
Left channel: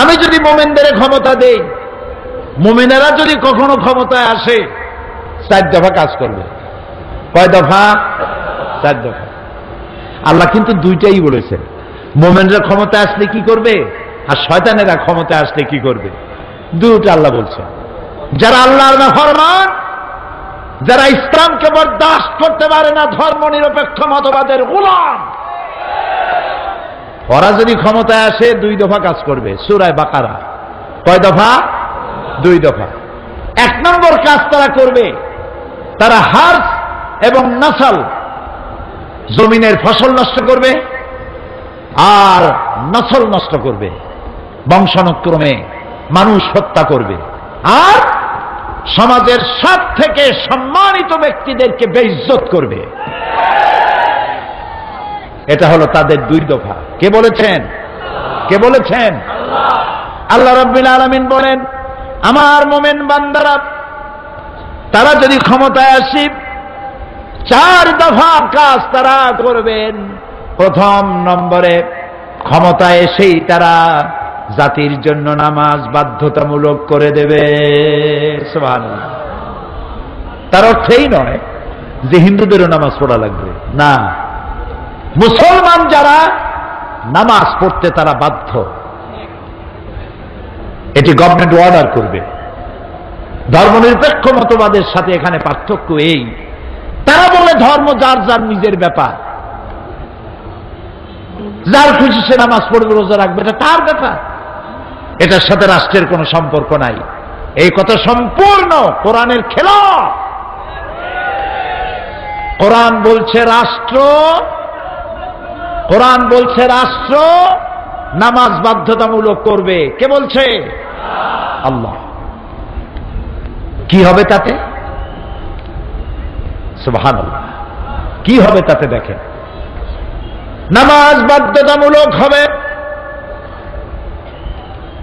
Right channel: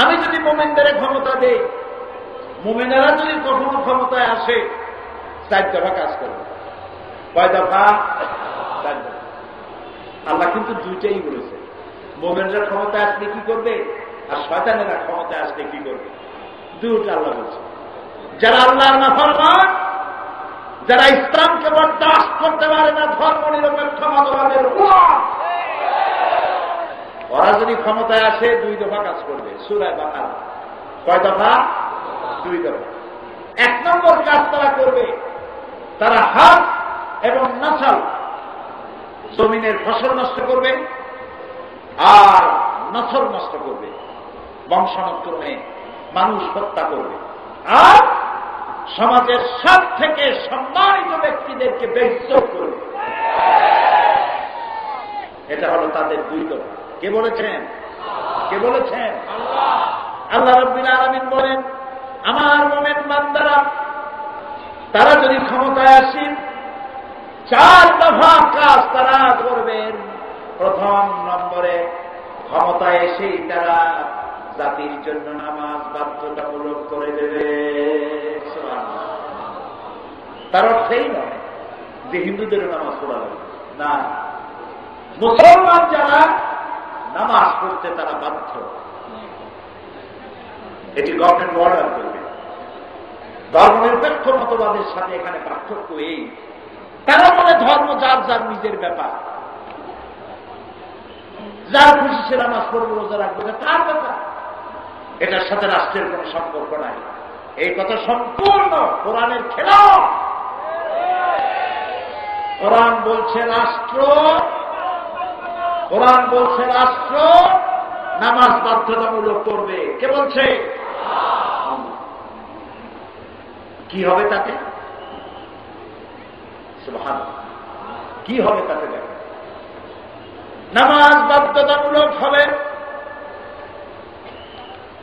আমি যদি মুমিনদের ক্ষমতা দেই, মুমিনেরা যদি কখনো ক্ষমতায় আসে, 4 দফা কাজ করবে। কয় দফা? 4 দফা। আল্লাহ কিন্তু দুইটাই বলেছে, মুমিনরা ক্ষমতায় আসলে কি করবে আর শয়তানেরা ক্ষমতায় আসলে কি করবে, দুটো আল্লাহ বলছে। যারা আল্লাহর নাফরমান, যারা ইসলামকে বরদাস্ত করতে পারে না, ধর্ম নিরপেক্ষ মতবাদের গোলাম, ওরা যদি ক্ষমতায় আসে 2 দফা কাজ করবে। সূরা বাকারা। কয় দফা? 2 দফা। 1 নম্বর কাজ তারা করবে, তারা হার্স এবং নসল, জমিনের ফসল নষ্ট করবে আর নসল নষ্ট করবে, বংশানুক্রমে মানুষ হত্যা করবে, আর সমাজের সব থেকে সম্মানিত ব্যক্তিদেরকে বেইজ্জত করবে। এটা হলো তাদের 2 দফা। কে বলেছেন? কে বলেছেন? আল্লাহ রাব্বুল আলামিন বলেন, আমার মুমিন বান্দারা তারা যদি ক্ষমতায় আসে 4 দফা কাজ তারা করবেন। প্রথম নম্বরে, ক্ষমতায় এসেই তারা জাতির জন্য নামাজ বাধ্যতামূলক করে দেবে। সুবহানাল্লাহ। তার অর্থ এই নয় যে হিন্দুদেরও নামাজ পড়া লাগবে, না, মুসলমান যারা নামাজ পড়তে তারা বাধ্য, এটি গভর্নমেন্ট অর্ডার করবে। ধর্মনিরপেক্ষ মতবাদের সাথে এখানে পার্থক্য এই, তারা বলে ধর্ম যার যার নিজের ব্যাপার, যার খুশি সে নামাজ পড়বে, রোজা রাখবে, এটা তার ব্যাপার, এটার সাথে রাষ্ট্রের কোনো সম্পর্ক নাই। এই কথা সম্পূর্ণ কোরআনের খেলাফ। কোরআন বলছে রাষ্ট্র, কোরআন বলছে রাষ্ট্র নামাজ বাধ্যতামূলক করবে। কে বলছে? আল্লাহ। কি হবে তাতে? সুবহানাল্লাহ। কি হবে তাতে দেখেন, নামাজ বাধ্যতামূলক হবে।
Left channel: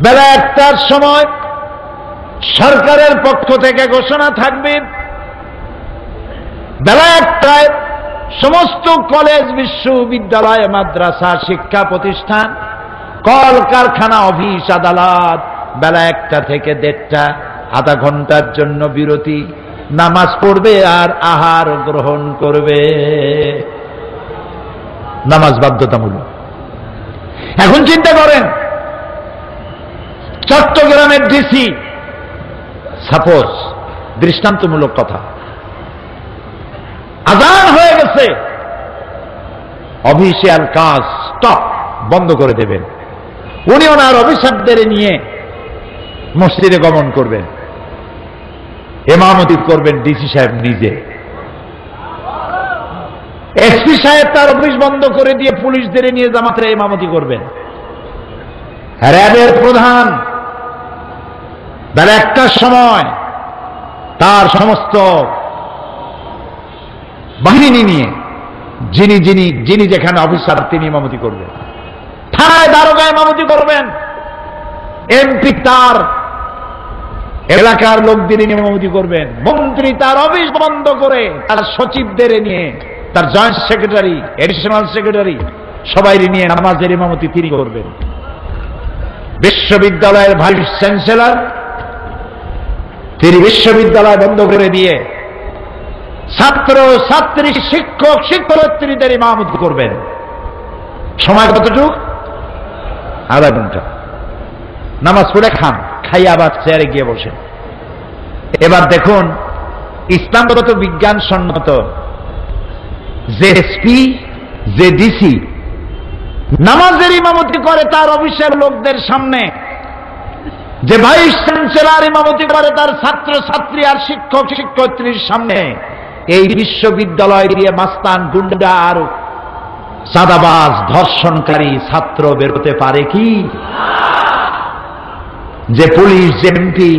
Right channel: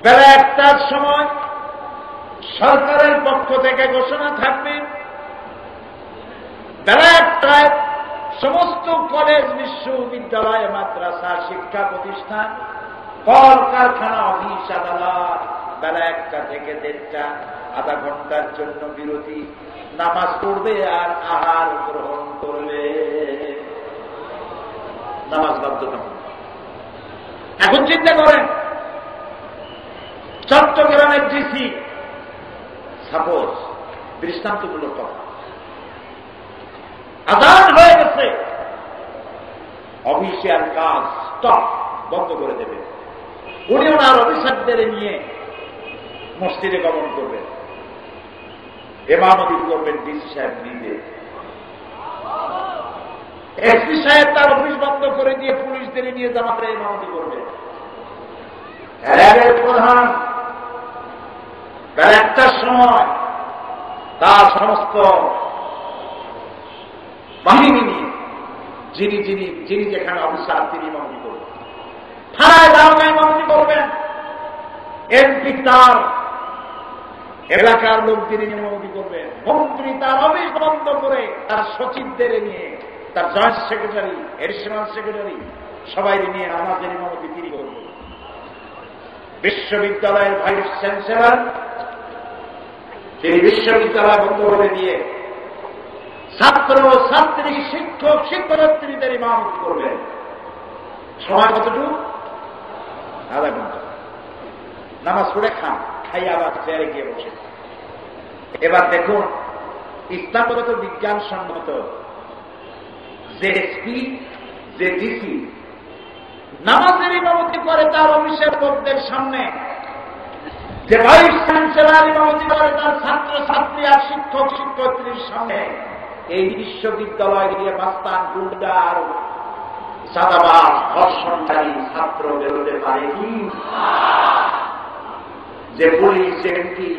বেলা 1টার সময় সরকারের পক্ষ থেকে ঘোষণা থাকবে, বেলা 1টায় সমস্ত কলেজ, বিশ্ববিদ্যালয়, মাদ্রাসা, শিক্ষা প্রতিষ্ঠান, কল কারখানা, অফিস, আদালত বেলা 1টা থেকে 1:30 আধা ঘন্টার জন্য বিরতি, নামাজ পড়বে আর আহার গ্রহণ করবে। নামাজ বাধ্যতামূলক। এখন চিন্তা করেন, চট্টগ্রামের ডিসি, সাপোজ দৃষ্টান্তমূলক কথা, আজান হয়ে গেছে, অফিসিয়াল কাজ স্টপ, বন্ধ করে দেবেন। উনি ওনার অফিসারদের নিয়ে মসজিদে গমন করবেন, ইমামতি করবেন ডিসি সাহেব নিজে। এসপি সাহেব তার অফিস বন্ধ করে দিয়ে পুলিশদের নিয়ে জামাতে ইমামতি করবেন। র্যাবের প্রধান বেলা 1টার সময় তার সমস্ত বাহিনী নিয়ে যিনি যেখানে অফিসার তিনি ইমামতি করবেন। থানায় দারোগা ইমামতি করবেন। এমপি তার এলাকার লোকদের নিয়ে ইমামতি করবেন। মন্ত্রী তার অফিস বন্ধ করে তার সচিবদের নিয়ে, তার জয়েন্ট সেক্রেটারি, এডিশনাল সেক্রেটারি সবাই নিয়ে নামাজের ইমামতি তিনি করবেন। বিশ্ববিদ্যালয়ের ভাইস চ্যান্সেলর তিনি বিশ্ববিদ্যালয় বন্ধ করে দিয়ে ছাত্র ছাত্রী, শিক্ষক শিক্ষার্থীদের ইমামতি করবেন। সময় কতটুক? আধা ঘন্টা। নামাজ পড়ে খান, খাই আবার চেয়ারে গিয়ে বসেন। এবার দেখুন ইসলামগত বিজ্ঞান সম্মত যে এসপি, যে ডিসি নামাজের ইমামতি করে তার অফিসের লোকদের সামনে, যে ভাইস চ্যান্সেলর ইমামতি করে তার ছাত্র ছাত্রী আর শিক্ষক শিক্ষয়িত্রীর সামনে, এই বিশ্ববিদ্যালয় দিয়ে মাস্তান, গুন্ডা আর চাঁদাবাজ, ধর্ষণকারী ছাত্র বেরোতে পারে কি? যে পুলিশ, যে এমপি,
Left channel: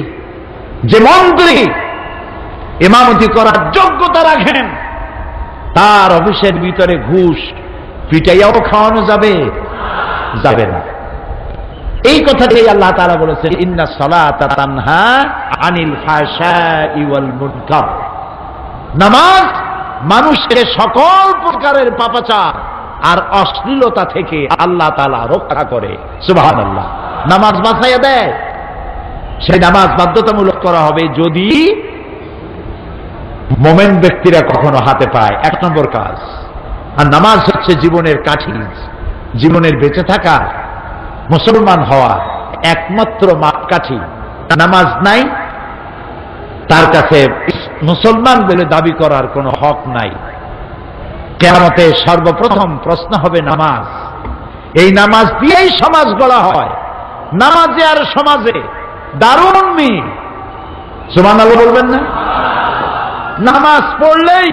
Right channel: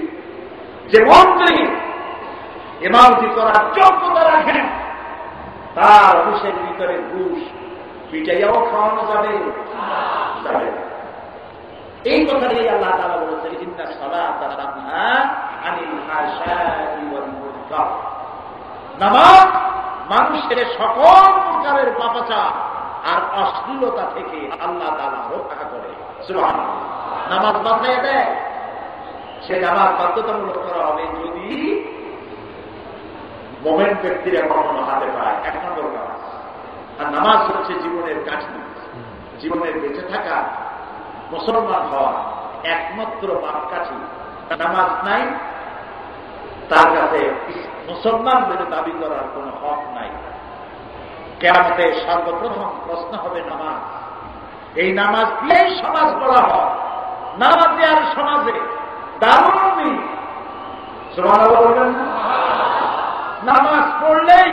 যে মন্ত্রী ইমামতি করার যোগ্যতা রাখেন, তার অফিসের ভিতরে ঘুষ পিটাইয়াও খাওয়ানো যাবে? যাবে না। এই কথাটাই আল্লাহ তাআলা বলেছেন, ইন্নাস সালাতা তানহা আনিল ফাহশাই ওয়াল মুনকার। নামাজ মানুষকে সকল প্রকারের পাপাচার আর অশ্লীলতা থেকে আল্লাহ তাআলা রক্ষা করে। সুবহানাল্লাহ। নামাজ বাঁচাইয়া দেয়। সেই নামাজ বাধ্যতামূলক করা হবে যদি মোমেন ব্যক্তিরা কখনো হাতে পায়। 1 নম্বর কাজ। আর নামাজ হচ্ছে জীবনের কাঠি, জীবনের বেঁচে থাকা, মুসলমান হওয়া একমাত্র মাপকাঠি। নামাজ নাই, তার কাছে মুসলমান বলে দাবি করার কোনো হক নাই। কিয়ামতে সর্বপ্রথম প্রশ্ন হবে নামাজ। এই নামাজ দিয়েই সমাজ গড়া হয়। নামাজে আর সমাজে দারুণ মিল। সুবহানাল্লাহ বলবেন না? নামাজ পড়লেই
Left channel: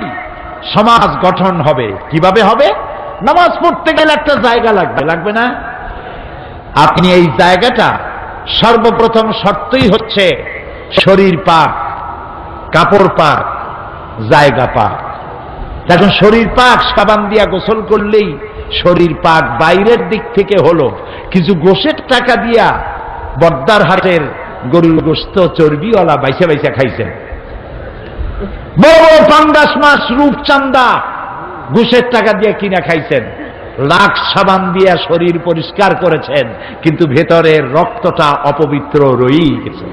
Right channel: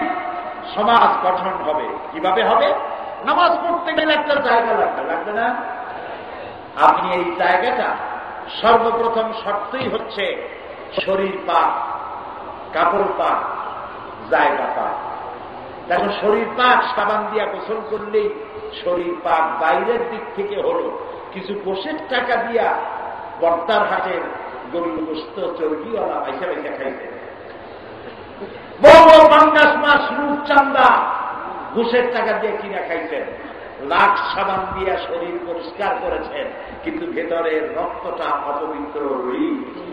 সমাজ গঠন হবে। কিভাবে হবে? নামাজ পড়তে গেলে একটা জায়গা লাগবে, লাগবে না? আপনি এই জায়গাটা সর্বপ্রথম শর্তই হচ্ছে শরীর পাক, কাপড় পাক, জায়গা পাক। এখন শরীর পাক, সাবান দিয়া গোসল করলেই শরীর পাক বাইরের দিক থেকে হলো, কিছু গোশের টাকা দিয়া বর্দার হাটের গরুর গোস্ত চর্বিওয়ালা বাইসা বাইসা খাইছেন, বড় পাঙ্গাস মাছ রূপচান্দা ঘুষের টাকা দিয়ে কিনা খাইছেন, লাখ সাবান দিয়া শরীর পরিষ্কার করেছেন, কিন্তু ভেতরের রক্তটা অপবিত্র রয়েই গেছে।